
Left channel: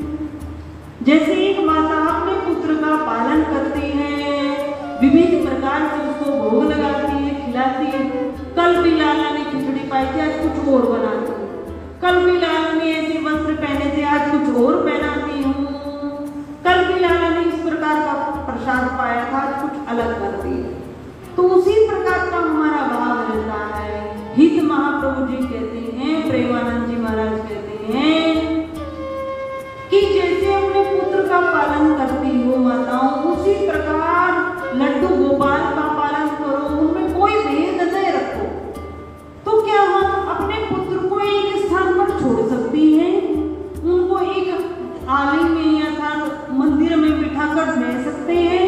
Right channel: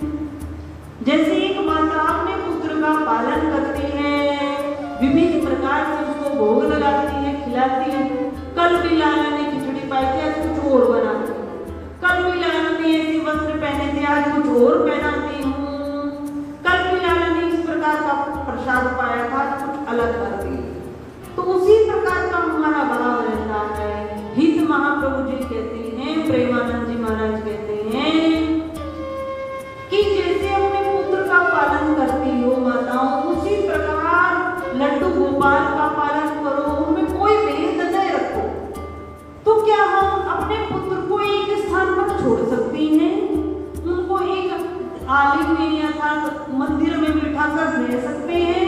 जैसे एक माता अपने पुत्र का पालन करती है, विभिन्न प्रकार से उसको भोग लगाती है, खिलाती है। कल भी लाला ने खिचड़ी पाई थी, आज कुछ और बनाती हूँ। कल भी लाला ने ऐसे वस्त्र पहने थे, आज कुछ और पहनाती हूँ। कल भी लाला ने इस प्रकार का प्रसाद पाया था, आज कुछ अलग करती है। तो उसी प्रकार का हमारा भाव रहता है। हित महाप्रभु जी कहते हैं, प्रेमानंद जी महाराज कहते हैं कि जैसे अपने पुत्र का पालन करती हो माताओं, उसी प्रकार लड्डू गोपाल का पालन करो, उनमें कोई भेद न रखो। तो क्या हम अपने पुत्र को एक स्थान पर छोड़ सकती हैं? उनको एक आलय में या मंदिर में बिठाकर रह सकते हैं?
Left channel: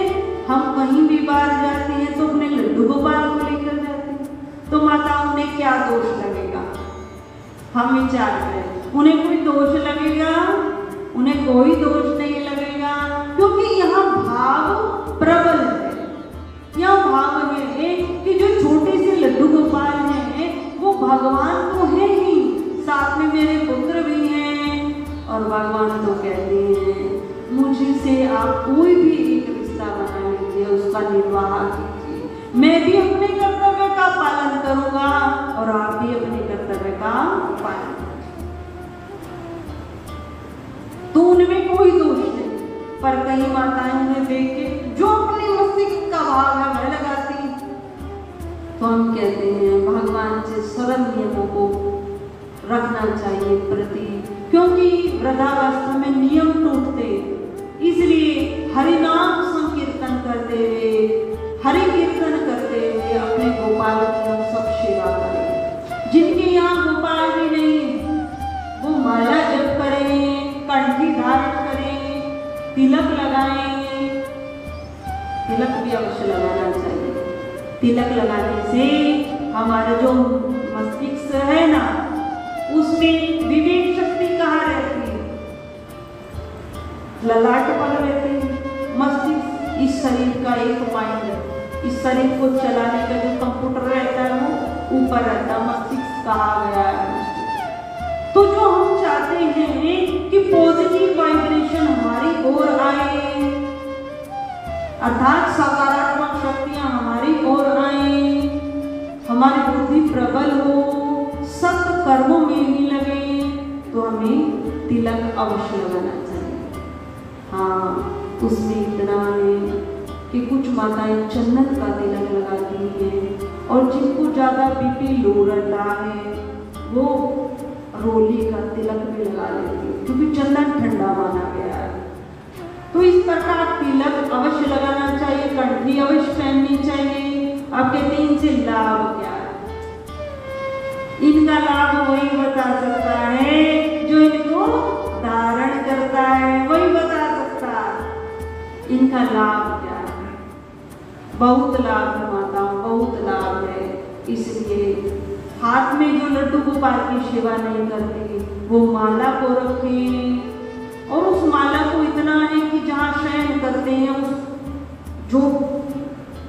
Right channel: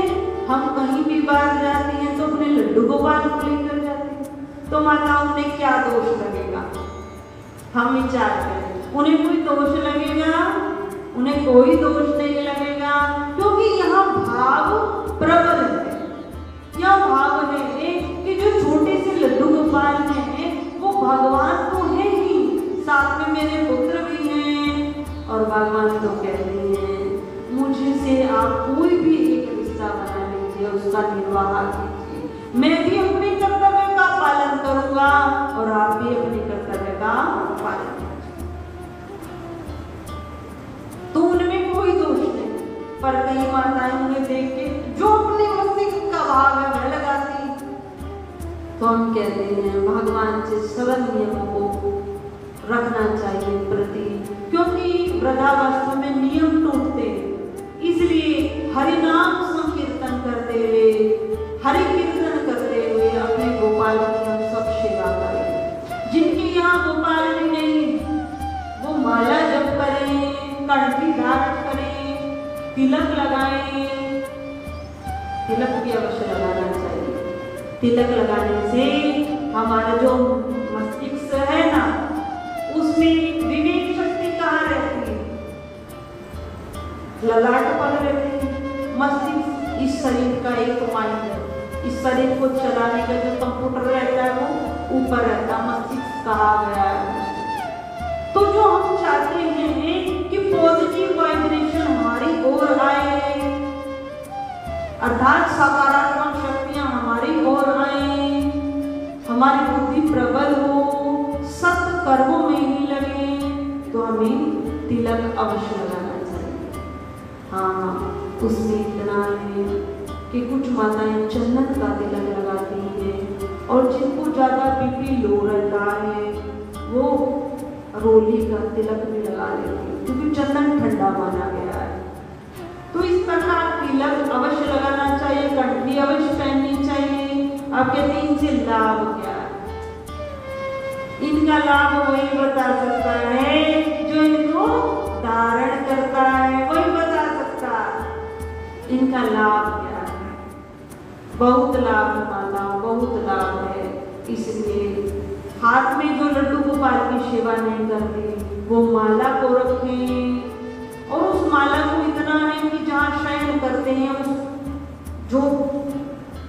हम कहीं भी बाहर जाते हैं तो अपने लड्डू गोपाल को लेकर जाते हैं, तो माताओं में क्या दोष लगेगा? हम विचार करें, उन्हें कोई दोष लगेगा? उन्हें कोई दोष नहीं लगेगा, क्योंकि यहाँ भाव प्रबल है। यह भाव है कि जो छोटे से लड्डू गोपाल हैं वो भगवान तो है ही, साथ में मेरे पुत्र भी हैं। और भगवान तो कहते हैं मुझसे आप कोई भी एक रिश्ता बना लीजिए, उसका निर्वाह कीजिए, मैं भी अपने कर्तव्य का पालन करूंगा और आप भी अपने कर्तव्य का पालन कीजिए। तो उनमें कोई दोष नहीं। पर कई माताएं उन्हें देख के जो अपने मस्तिष्क का भाव है वह लगाती, तो हम कहते हैं भगवान से सरल नियमों को रखना चाहिए प्रति, क्योंकि वृद्धावस्था में नियम टूटते, इसलिए हरि नाम संकीर्तन करते हुए, हरि कीर्तन करते हुए अपने गोपाल की सब सेवा करें। जिनके यहाँ गोपाल भी नहीं वो माला जप करें, तिलक लगाएं, तिलक भी अवश्य लगाना चाहिए। तिलक लगाने से हमारा जो मस्तिष्क है ना, उसमें विवेक शक्ति कहाँ रहती है? ललाट पर रहती है। मस्तिष्क इस शरीर का एक माइंड है, इस शरीर को चलाने का जो कंप्यूटर रहता है वो ऊपर रहता है, मस्तिष्क कहा गया है। तो जो हम चाहते हैं कि पॉजिटिव वाइब्रेशन हमारी ओर आए, अर्थात सकारात्मक शक्तियां हमारी ओर आए, हमारी बुद्धि प्रबल हो, सत्य कर्मों में ही लगे, तो हमें तिलक अवश्य लगाना चाहिए। हाँ, उससे इतना है कि कुछ माताएं चंदन का तिलक लगाती हैं और जिनको ज्यादा बीपी लो रहता है वो रोली का तिलक भी लगा लेती है, क्योंकि चंदन ठंडा माना गया है। तो इस प्रकार तिलक अवश्य लगाना चाहिए, कंठी अवश्य पहननी चाहिए। अब कहते हैं इनसे लाभ क्या है? इनका लाभ वही बता सकता है जो इनको धारण करता है, वही बता सकता है इनका लाभ क्या है। बहुत लाभ माता, बहुत लाभ है। इसलिए हाथ में जो लड्डू गोपाल की सेवा नहीं करती वो माला को रखें, और उस माला को इतना है कि जहाँ शयन करते हैं, उस जो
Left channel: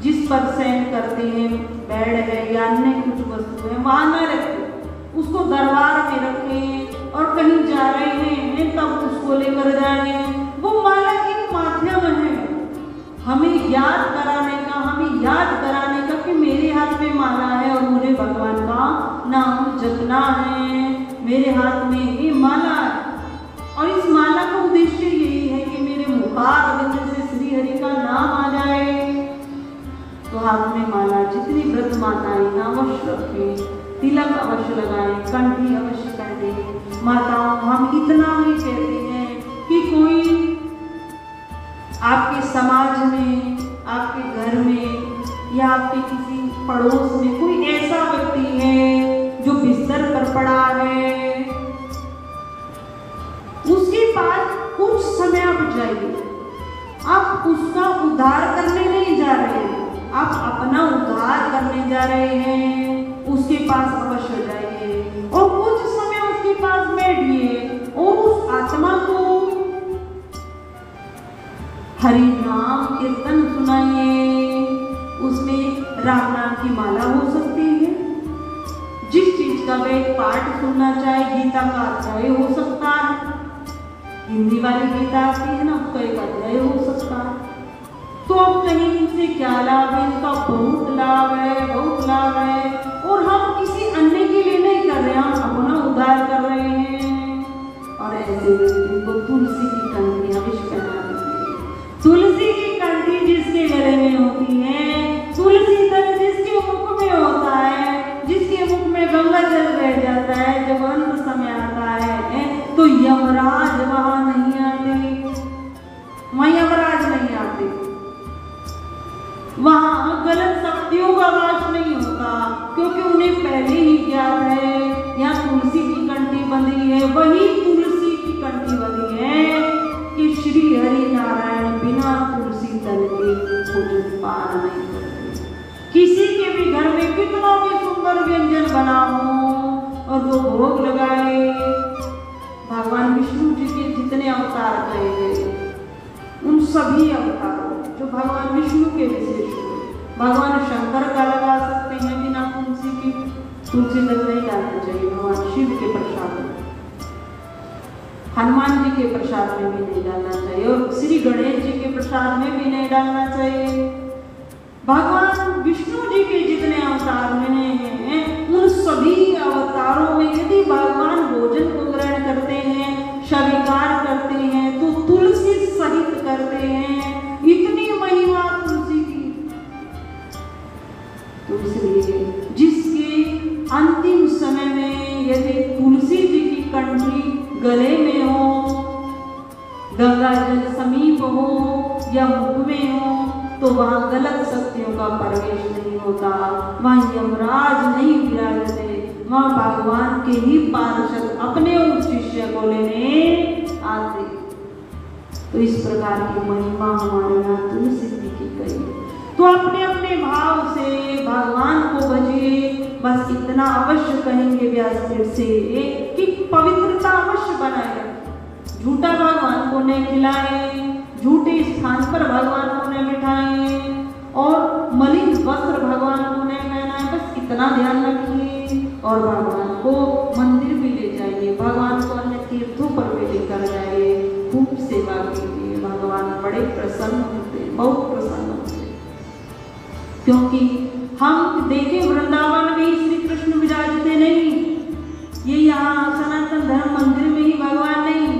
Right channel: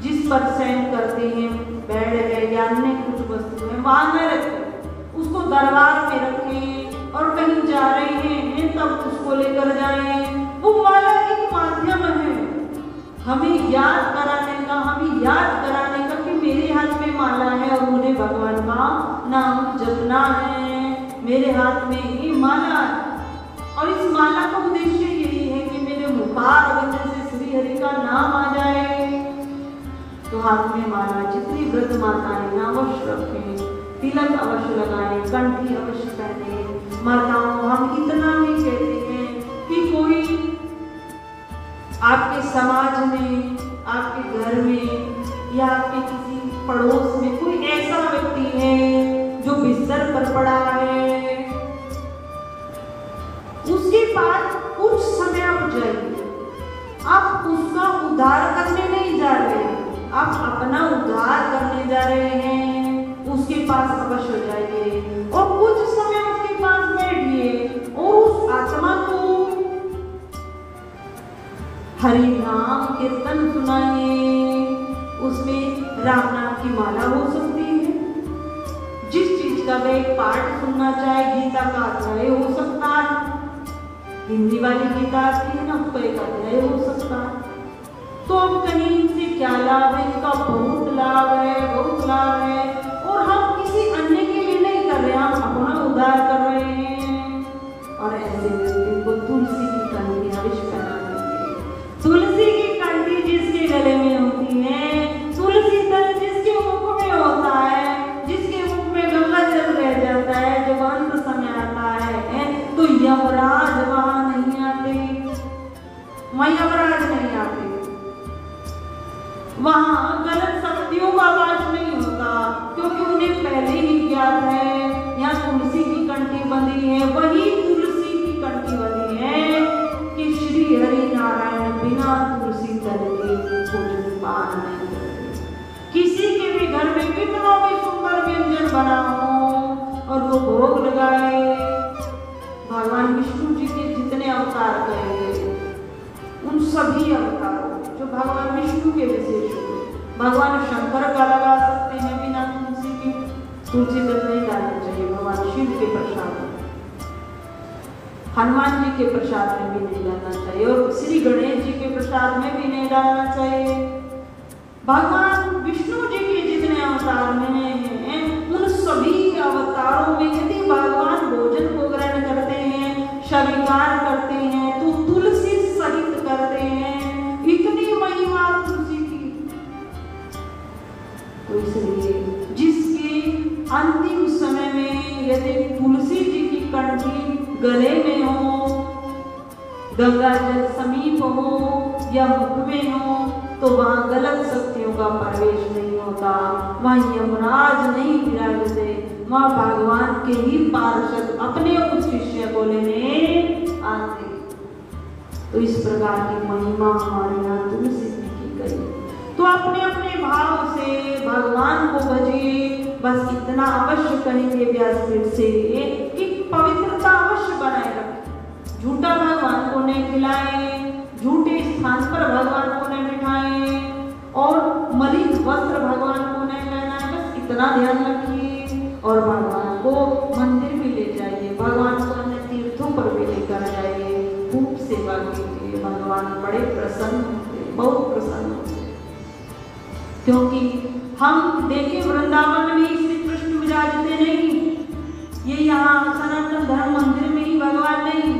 जिस पर शयन करते हैं, बेड है या अन्य कुछ वस्तु है, वहां न रखें, उसको दरबार में रखें, और कहीं जा रहे हैं तब उसको लेकर जाए। वो माला एक माध्यम है हमें याद कराने का, हमें याद कराने का कि मेरे हाथ में माला है और मुझे भगवान का नाम जपना है, मेरे हाथ में ये माला है। और इस माला का उद्देश्य यही है कि मेरे मुखारविंद से श्री हरि का नाम आ जाए। तो हाथ में माला जितनी व्रत माताएं अवश्य रखें, तिलक अवश्य लगाएं, कंठी अवश्य पहने। माता हम इतना ही कहते हैं कि कोई आपके समाज में, आपके घर में या आपके किसी पड़ोस में कोई ऐसा व्यक्ति है जो बिस्तर पर पड़ा है, उसके पास कुछ समय आप जाइए। आप उसका उद्धार करने नहीं जा रहे, आप अपना उद्धार करने जा रहे हैं। उसके पास अवश्य जाइए और कुछ समय उसके पास बैठिए और उस आत्मा को हरि नाम कीर्तन सुनाइए। उसमें राम नाम की माला हो सकती है, जिस चीज का वह पाठ सुनना चाहे, गीता का अध्याय हो सकता है, हिंदी वाली गीता आती है ना, उसका एक अध्याय हो सकता है। तो अब कहीं इनसे क्या लाभ है? इसका बहुत लाभ है, बहुत लाभ है। और हम किसी अन्य के लिए नहीं कर रहे, हम अपना उद्धार कर रहे हैं। और ऐसे को तुलसी की कंठी अवश्य पहना देंगे। तुलसी की कंठी जिसके गले में होती है, तुलसी दल जिसके मुख में होता है, जिसके मुख में गंगा जल रह जाता है, जब अंत समय आता है तो यमराज वहां नहीं आते, वहां यमराज नहीं आते, वहां गलत शक्तियों का वास नहीं होता, क्योंकि उन्हें पहले ही ज्ञात है यहाँ तुलसी की कंठी बंधी है। वही तुलसी की कंठी बंधी है कि श्री हरि नारायण बिना तुलसी दल के भोजन पान नहीं करते। किसी के भी घर में कितना भी सुंदर व्यंजन बना हो और वो भोग लगाए, भगवान विष्णु जी के जितने अवतार कहे गए उन सभी अवतारों जो भगवान विष्णु के विशेष हो, भगवान शंकर का लगा सकते हैं बिना तुलसी की, तुलसी दल नहीं जाना चाहिए। भगवान शिव के प्रसाद में, हनुमान जी के प्रसाद में भी नहीं जाना चाहिए, और श्री गणेश जी के प्रसाद में भी नहीं डालना चाहिए। भगवान विष्णु जी के जितने अवतार में हैं उन सभी अवतारों में यदि भगवान भोजन को ग्रहण करते हैं, स्वीकार करते हैं, तो तुलसी सहित करते हैं। इतनी महिमा तुलसी की। तो इसलिए जिसके अंतिम समय में यदि तुलसी जी की कंठी गले में हो, गंगा जल समीप हो या मुख में हो, तो वहां गलत शक्तियों का प्रवेश नहीं होता, वहां यमराज नहीं विराजते, वहां भगवान के ही पार्षद अपने उस शिष्य को लेने आते। तो इस प्रकार हाँ हमारे यहाँ तुलसी की गई। तो अपने अपने भाव से भगवान को भजिए। बस इतना अवश्य कहेंगे व्यासदेव से कि पवित्रता अवश्य बनाए रखें। झूठा भगवान को नहीं खिलाए, झूठे स्थान पर भगवान को नहीं बिठाए और मलिन वस्त्र भगवान को नहीं पहनाए। बस इतना ध्यान रखिए और भगवान को मंदिर भी ले जाइए, भगवान को अन्य तीर्थों पर भी लेकर जाइए, खूब सेवा कीजिए। भगवान बड़े प्रसन्न होते, बहुत प्रसन्न होते। क्योंकि हम देखें वृंदावन में श्री कृष्ण विराजते नहीं, ये यहाँ सनातन धर्म मंदिर में ही भगवान नहीं,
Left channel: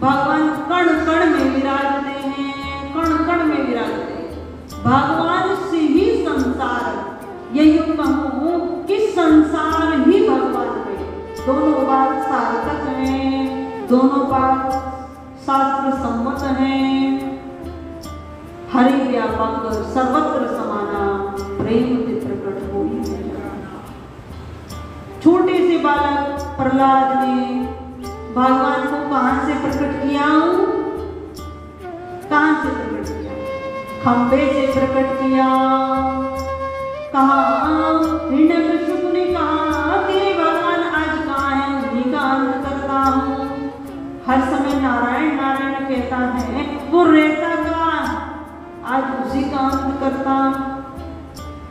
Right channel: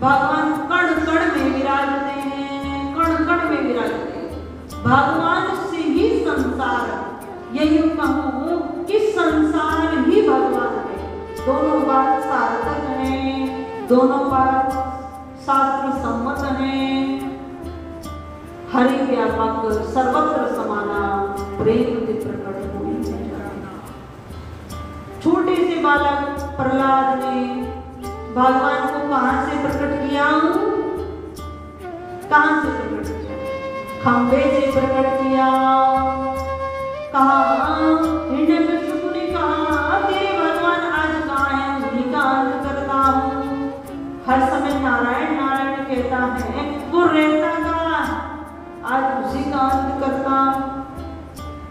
भगवान कण कण में विराजते हैं, कण कण में विराजते हैं। भगवान से ही संसार, यही कहूँ कि संसार ही भगवान है। दोनों बात सार्थक है, दोनों बात शास्त्र सम्मत है। हरि व्यापक सर्वत्र समाना, प्रेम प्रकट हुई है। छोटे से बालक प्रहलाद ने भगवान को कहां से प्रकट किया? कहां से प्रकट किया? खंबे से प्रकट किया। कहा हिरण्यकशिपु ने कहा कि भगवान आज कहाँ है, उन्हीं का अंत करता हूँ। हर समय नारायण नारायण कहता है, वो रहता कहाँ, आज उसी का अंत करता हूँ।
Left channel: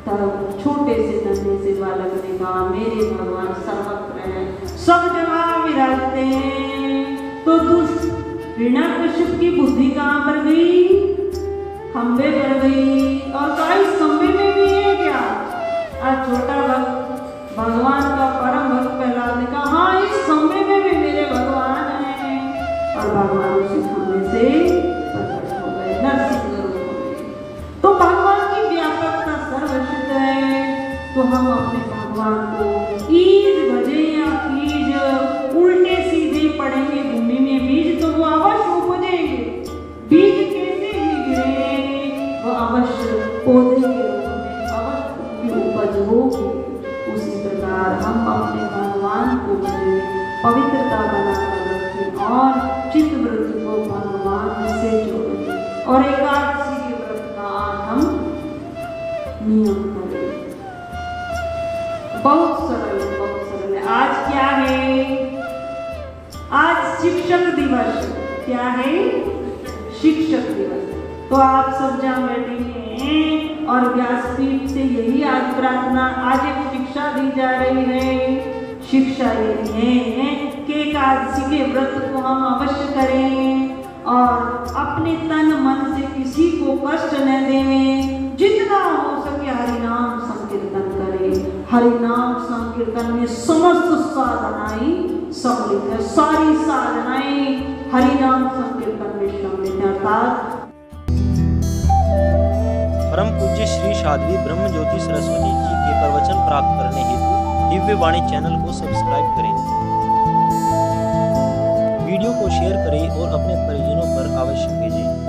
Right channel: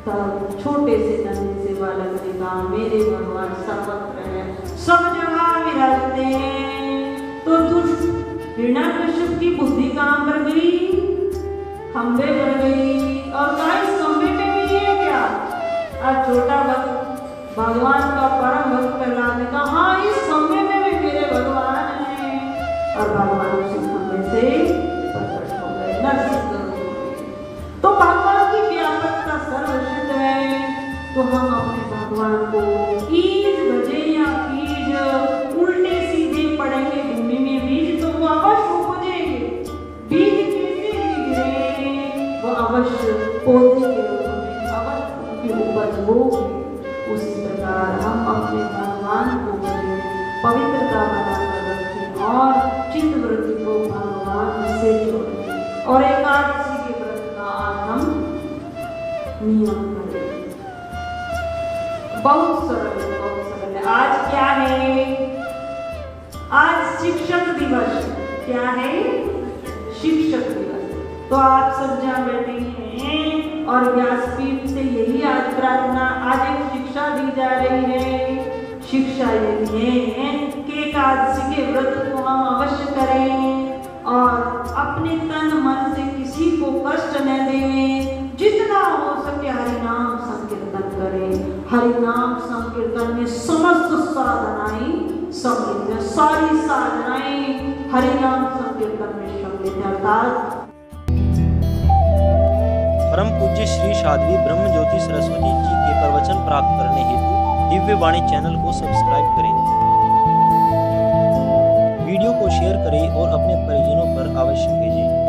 तब छोटे से नन्हे से बालक ने कहा मेरे भगवान सर्वत्र हैं, सब जगह विराजते हैं। तो दुष्ट हिरण्यकशिपु की बुद्धि कहाँ पर गई? खंबे पर गई। और कहा इस खंबे में भी है क्या? आज छोटा भक्त भगवान का परम भक्त प्रहलाद ने कहा हाँ इस खंबे में भी मेरे भगवान हैं। और भगवान उस खंबे से प्रकट हो गए, नरसिंह रूप में। तो भगवान की व्यापकता सर्वश्रुत है। तो हम अपने भगवान को ईज भजे या बीज उल्टे सीधे पड़ेंगे भूमि में बीज तो वो अवश्य उपजेंगे। बीज कैसे गिरेंगे? वो अवश्य पौधे के उपज होगी। उसी प्रकार हम अपने भगवान को पवित्रता बनाकर रखें और चित्त वृत्ति को भगवान से जोड़ें। और एकादशी के व्रत का हम नियम करें। बहुत सरल है। आज क्या है? आज शिक्षक दिवस। क्या है? शिक्षक दिवस। तो आप सब जहाँ बैठे हैं और व्यासपीठ से यही आज प्रार्थना, आज एक शिक्षा दी जा रही है। शिक्षा यही है कि एकादशी के व्रत को हम अवश्य करें और अपने तन मन से किसी को कष्ट न दें। जितना हो सके हरिनाम संकीर्तन करें। हरिनाम संकीर्तन में समस्त साधनाएं सम्मिलित है, सारी साधनाएं हरिनाम संकीर्तन में सम्मिलित है। अर्थात परम पूज्य श्री साध्वी ब्रह्म ज्योति सरस्वती जी के प्रवचन प्राप्त करने हेतु दिव्य वाणी चैनल को सब्सक्राइब करें, वीडियो को शेयर करें और अपने परिजनों पर अवश्य भेजें।